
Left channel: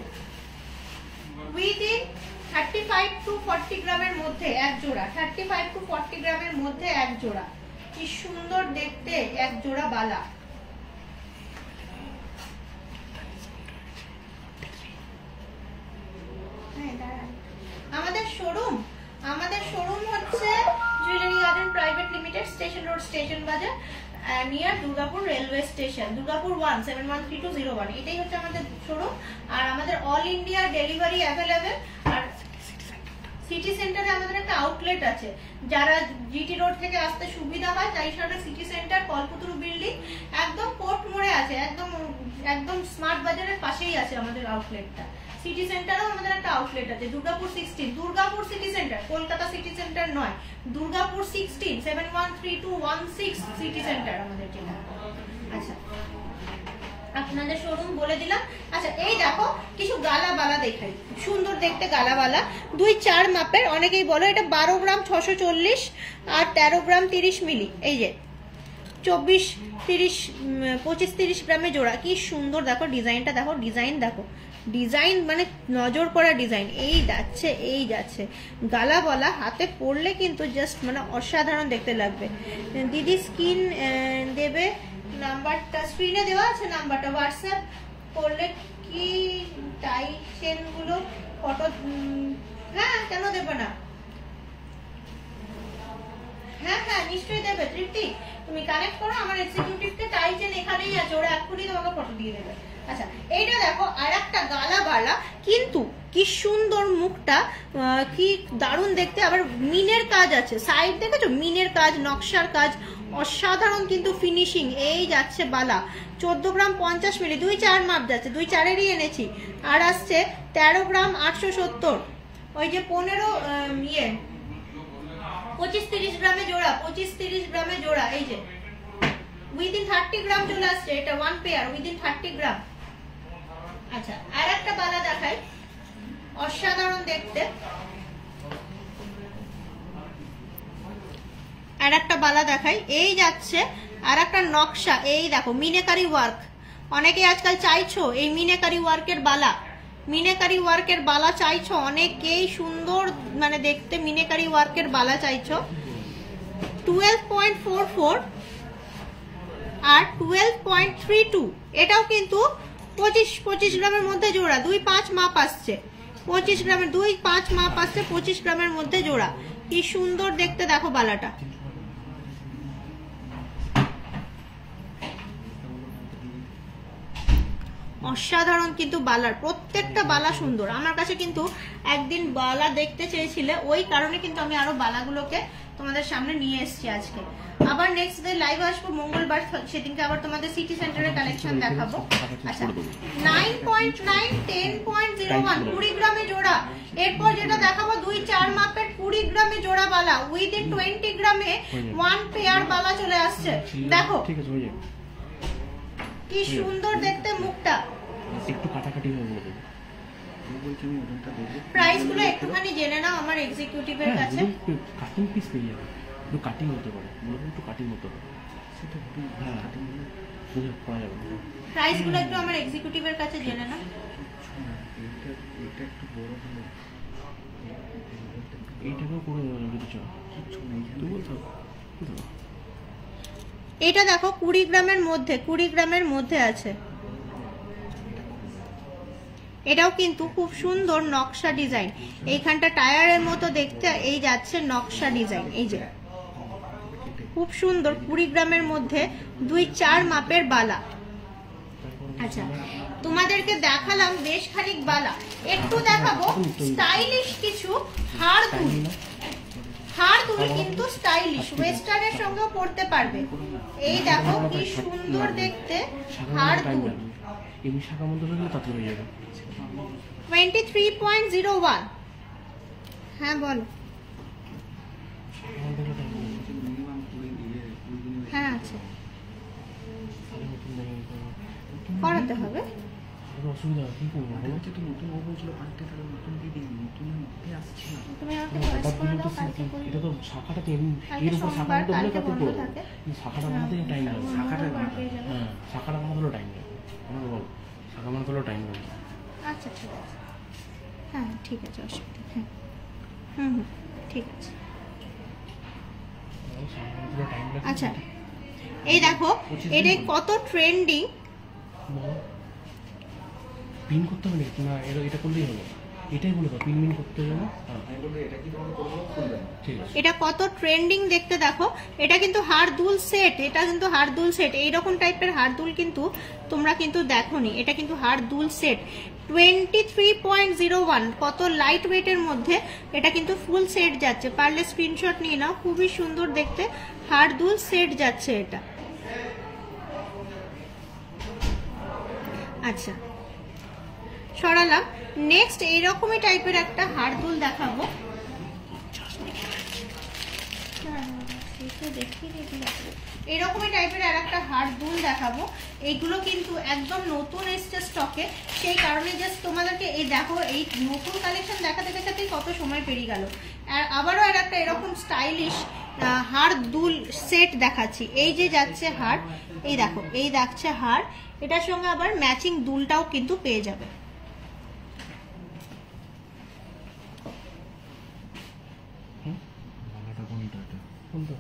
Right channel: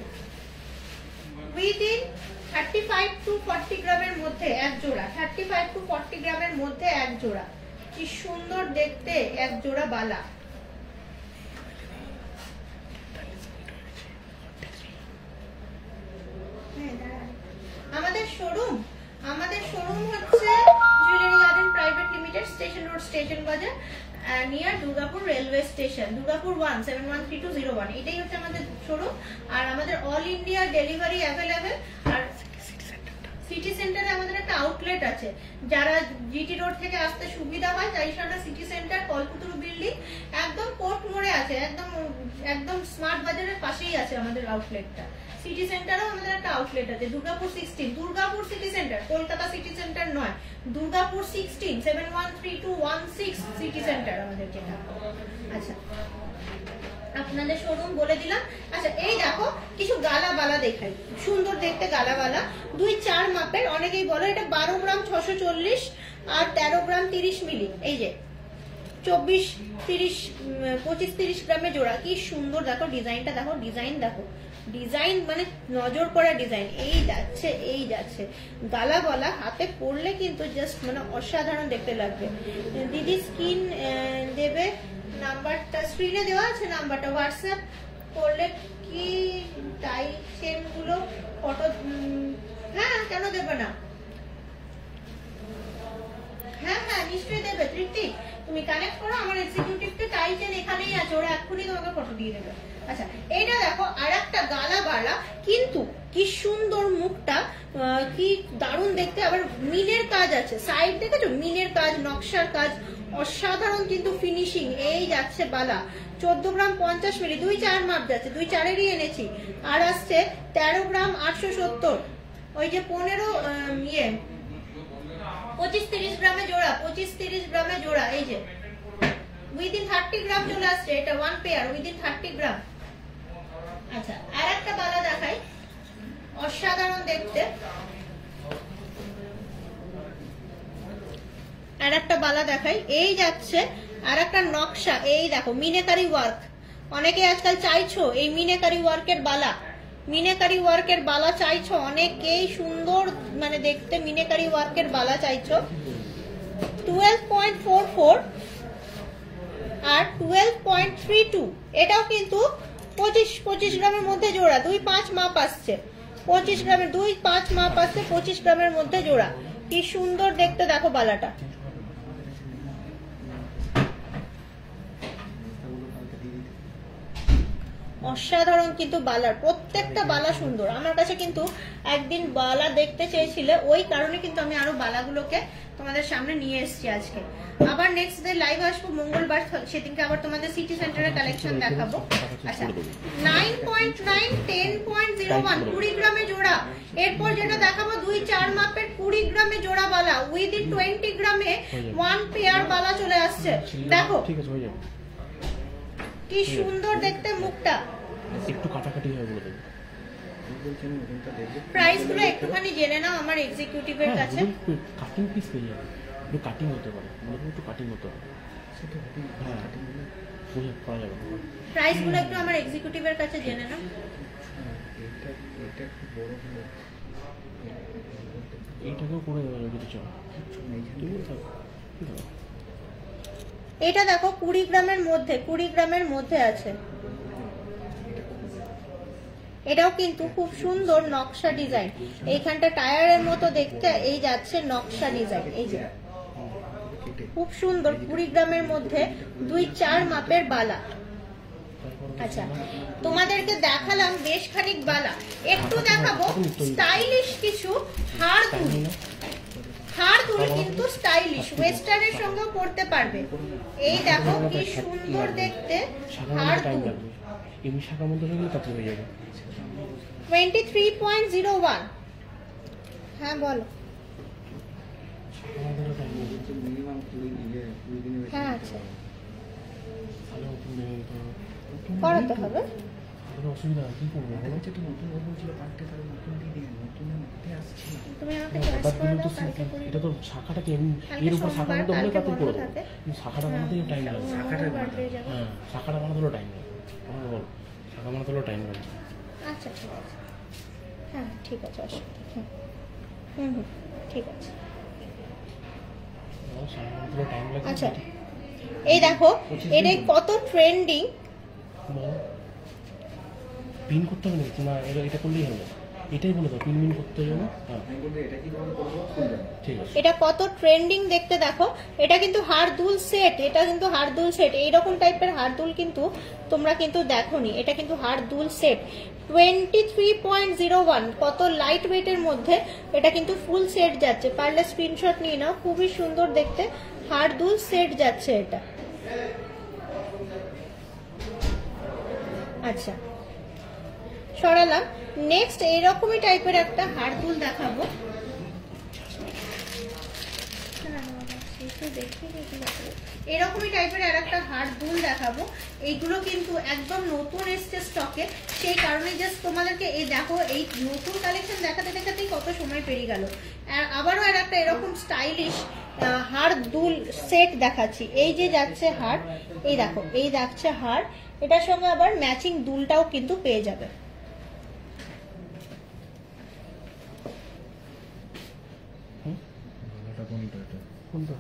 উইদিন 35 to 40 গ্রামের মধ্যে এক জোড়া, 35 to 40 গ্রামের মধ্যে এক জোড়া, কি সুন্দর দেখতে এক জোড়া বালা। আমাদের শোরুম হচ্ছে jewellery garden private limited, station road, station Bazar, near Durgapur railway station, Durgapur 1713201, এটাই হচ্ছে আমাদের শোরুম। আর আমাদের অল ইন্ডিয়া ডেলিভারি অ্যাভেলেবেল। আর সিটি সেন্টারে আমাদের একটা আউটলেট আছে, যারা জিটি রোড থেকে আসতে সুবিধা হয় তাই সাথে সিটি সেন্টার কলপুতুর বিল্ডিং একদম কোর্ট মোড়ে আছে, একদম স্মার্ট বাজারের পাশেই আছে আমাদের আউটলেটটা। সিটি সেন্টারেও আমাদের একটা আউটলেট আছে, Durgapur 16, Durgapur city centre, Kolkata city centre নয়, দুর্গাপুর 16, 713216 সিটি সেন্টার আমাদের যেটা। আচ্ছা, আপনাদের শোরুম বলে দিলাম। আচ্ছা, এই দেখো কিছু গালা বালা দেখাই, সুন্দর দেখতে গালা বালা, 2.4 মাপের, অনেকেই বলো এটা 12 গ্রাম 640 আর 13 গ্রাম 30 মিলি, এই যে 25-30 গ্রামে জোড়া, কি সুন্দর দেখো ডিজাইনটা, দেখো ডিজাইন, দেখো ডিজাইন মানে নজর করা ডিজাইন। এই যাচ্ছে গালা বলা, হাতে পরলে কিন্তু জাস্ট মানে অসাধারণ দেখতে লাগবে। দিদি স্ক্রিন দেবে, নাম্বারটা স্ক্রিনে দেওয়া আছে, নাম্বারটা হোয়াটসঅ্যাপ করলে কি টাই চেন গুলো ফটো, হ্যাঁ কেন দেবে না, হ্যাঁ নিশ্চয়ই দেবে তৃপ্তি, তুমি কানেক্ট করো, আমার এক্সিকিউটিভকে টাই চেন এখানেই আছে, ওরা এক্ষুনি তোমাকে ফটো দিয়ে দেবে। আচ্ছা এইটা দেখো আর একটা গালা বালা, কিন্তু কি সুন্দর মুখটা, কি দারুণ দেখতে, আবার মিনের কাজ আছে, সাইড দেখেছো মিনের কাজ, নকশার কাজ, অসাধারণ কিন্তু ফিনিশিং। এই যাচ্ছে বালা 14 গ্রাম 50 মিলি, 2-4 মাপ যাচ্ছে, 2-4-এরই এনেছি। আর আসছে 13 গ্রাম 870, ওই যে 15 25-30 গ্রামে জোড়া, 25-30 গ্রামে জোড়া। এই যে উইদিন 30 গ্রাম চলে আসছে, এটা 1 পেয়ার উইদিন 30 গ্রাম। আচ্ছা আর একটা বালা দেখাই, অসাধারণ দেখতে, আর একটা বালা দেখাই। এই যাচ্ছে আর একটা নকশা, এই দেখো মিনেকারি ওয়ার্ক, অনেকে আজকাল চাইছো এই মিনেকারি ওয়ার্কের বালা, মিনেকারি ওয়ার্কের বালা চাইছো অনেকেই, সুন্দর মানে দেখতে মিনেকারি ওয়ার্কের বালা চাইছো। 12.44 আর 12.32, এটাও কিন্তু 25 গ্রামের মধ্যে জোড়া, 2-5 মাপ আসছে, 25 গ্রামের 2-5 মাপ আসছে, 25 গ্রামের মধ্যে জোড়া। কি সুন্দর দেখতে দেখো বালাটা, অসাধারণ কিন্তু বালার, প্রত্যেকটা বালা সুন্দর। আমার কাছে কিন্তু একদিন বালা দেখতে চেয়েছিলে, ওই কারণে কিন্তু আমি আরো বালাগুলোকে তোমাদের সামনে নিয়ে এসেছি আজকে। আবার নেক্সট ডে লাইভ আসবো মঙ্গলবার, সেদিনকে আবার তোমাদের সিটি সেন্টারের কালেকশন দেখাবো। আচ্ছা 9.9, 10.01, 20 গ্রামে জোড়া। এরপর যেটা দেখাবো 2-4 মাপের 20 গ্রামে জোড়া বালা, উইদিন 20 গ্রামে 1 পেয়ার বালা চলে আসছে। দেখো কি সুন্দর দেখতে মুখটা, একটু কাটাকাটি হয়ে বলে দেবো। প্রাইস গুলো একটুখানি জেনে নাও আমার এক্সিকিউটিভের কাছে। কাটিং পিস পেয়ে যাবে, একটু কাটিং হতে পারে, একটু কাটিং হতে পারে, হ্যাঁ করা যাবে। প্রাইস গুলো একটু আমার এক্সিকিউটিভের কাছে জেনে নাও। এইটাকেও করে দেওয়া যাবে যদি চাও। এটা দেখো 20 গ্রামের মধ্যে, 20 গ্রামের মধ্যে আছে, এটাও কিন্তু খুব সুন্দর নকশা ডিজাইন, এইখানটা টায়ারের মতো দেখতে, এই যাচ্ছে নকশা ডিজাইন, এই যে খুব সুন্দর 20 গ্রামের মধ্যে 2-4 মাপের বালা। আচ্ছা তোমাদেরকে দেখালাম বেশ খানিক বালা, একটু দেখাবো স্টাইলিশ কিছু হাড় দুল। হাড় দুল কিন্তু স্টাইলিশ, ওয়েস্টার্নের সঙ্গেও পরতে পারবে। এই দেখো কি সুন্দর দেখতে হাড় দুল, এমনি শাখা মধ্যে থাকলে তাতে হয়ে যাবে। 23.01, হ্যাঁ বলো। হ্যাঁ আচ্ছা করাতে হবে, অসুবিধা কি করবো বলো? তুমি আমাকে চয়েস করে দাও, কালকে করি। এটা তো শাখাটা এর উপর শাখা মতো হলে কাতে করে দেবো, শাখাটা বানাতে টাইম লাগবে, হ্যাঁ শাখাটা বানাতেও টাইম লাগবে, আমাকে বলো শাখা বানাতেও টাইম লাগবে। আচ্ছা ঠিক আছে, হ্যাঁ ঠিক আছে, অসুবিধা নেই, ঠিক আছে। আচ্ছা এই দেখো এটা কত ট্রেন্ডিং, পিন করতে হবে নাকি না? এটা করলেই হলো, এটাই বলে দাও পিন করতে হবে না। ঠিক আছে, এটা কত ট্রেন্ডিং দেখতে দেখো। এটা কিন্তু হাড় দুল সেট, এটা কিন্তু হাড় দুল সেট, এইরকম টাইপের হাড় দুল কিন্তু তোমরা কিন্তু দেখোনি, এটা কিন্তু হাড় দুল সেট। 23.01, কত লাইট ওয়েটের মধ্যে, এটা কিন্তু ফুল সেট যাচ্ছে, পারলে স্ক্রিনশট নিয়ে নাও, খুবই সুন্দর দেখতে হাড় দুল সেট যাচ্ছে এটা। আচ্ছা সরালাম, নেক্সট এইরকমই টাইপের একটা হাড় দুল দেখাবো। এরকমই টাইপের আর একটা হাড় দুল দেখাবো, এইগুলো কিন্তু একদম নতুন এসছে স্টকে, সেই কারণে জাস্ট তোমাদেরকে এই দেখো, এই নতুন কালেকশন দেখাতে দেখাতেই কত সময় পেরিয়ে গেল। আর আবারও আর একটা এরকম স্টাইলিশ হাড় দুল সেট দেখাচ্ছি। এই যে যাচ্ছে হাড়, এই দেখো এই যাচ্ছে হাড়, এটার সঙ্গে আবার ম্যাচিং দুলটাও কিন্তু পেয়ে যাবে। কোনটা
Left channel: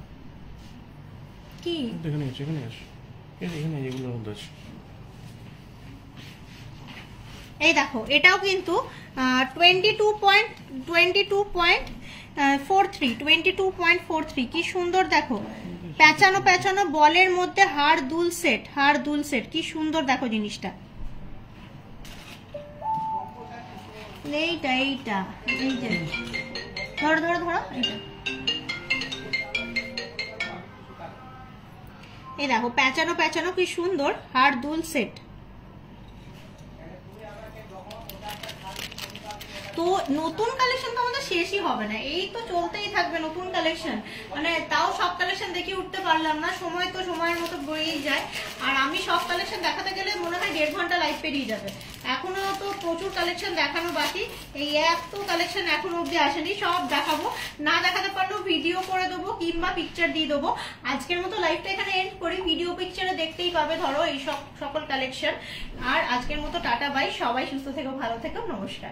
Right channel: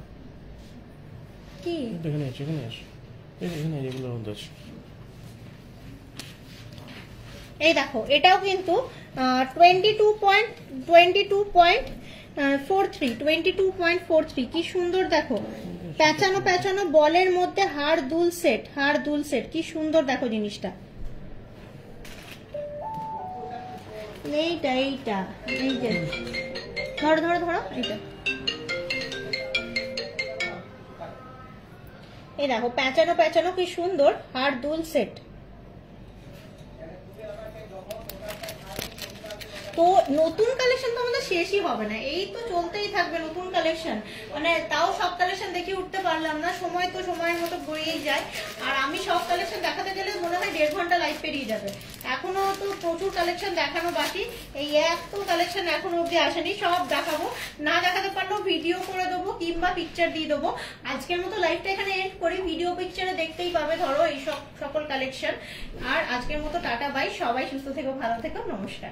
কি এখানে আছে, এখানে আছে, এখানে এগুলো আছে। এই দেখো এটাও কিন্তু 22.22 22.43 কি সুন্দর দেখো, প্যাঁচানো প্যাঁচানো বলের মধ্যে হাড় দুল সেট, কি সুন্দর দেখো জিনিসটা। এইটা এই যে ধরো এইটা, এই দেখো প্যাঁচানো প্যাঁচানো কি সুন্দর হাড় দুল সেট। তো নতুন কালেকশন তো আমাদের শেষই হবে না, এই তো চলতেই থাকবে নতুন কালেকশন। মানে তাও সব কালেকশন দেখে উঠতে পারলাম না, সময় তো সময়ের মতো বয়েই যায়। আর আমি সব কালেকশন দেখাতে গেলে মনে হয় 1.5 ঘন্টা লাইভ পেরিয়ে যাবে। এখনো তো প্রচুর কালেকশন দেখানো বাকি, এই এত কালেকশন এখনো অব্দি আসেনি, সব দেখাবো। না দেখাতে পারলেও ভিডিও করে দেবো কিংবা পিকচার দিয়ে দেবো। আজকের মতো লাইভটা এখানে এন্ড করি, ভিডিও পিকচারে দেখতেই পাবে ধরো এই সকল কালেকশন। আর আজকের মতো টাটা বাই, সবাই সুস্থ থেকো, ভালো থেকো, নমস্কার।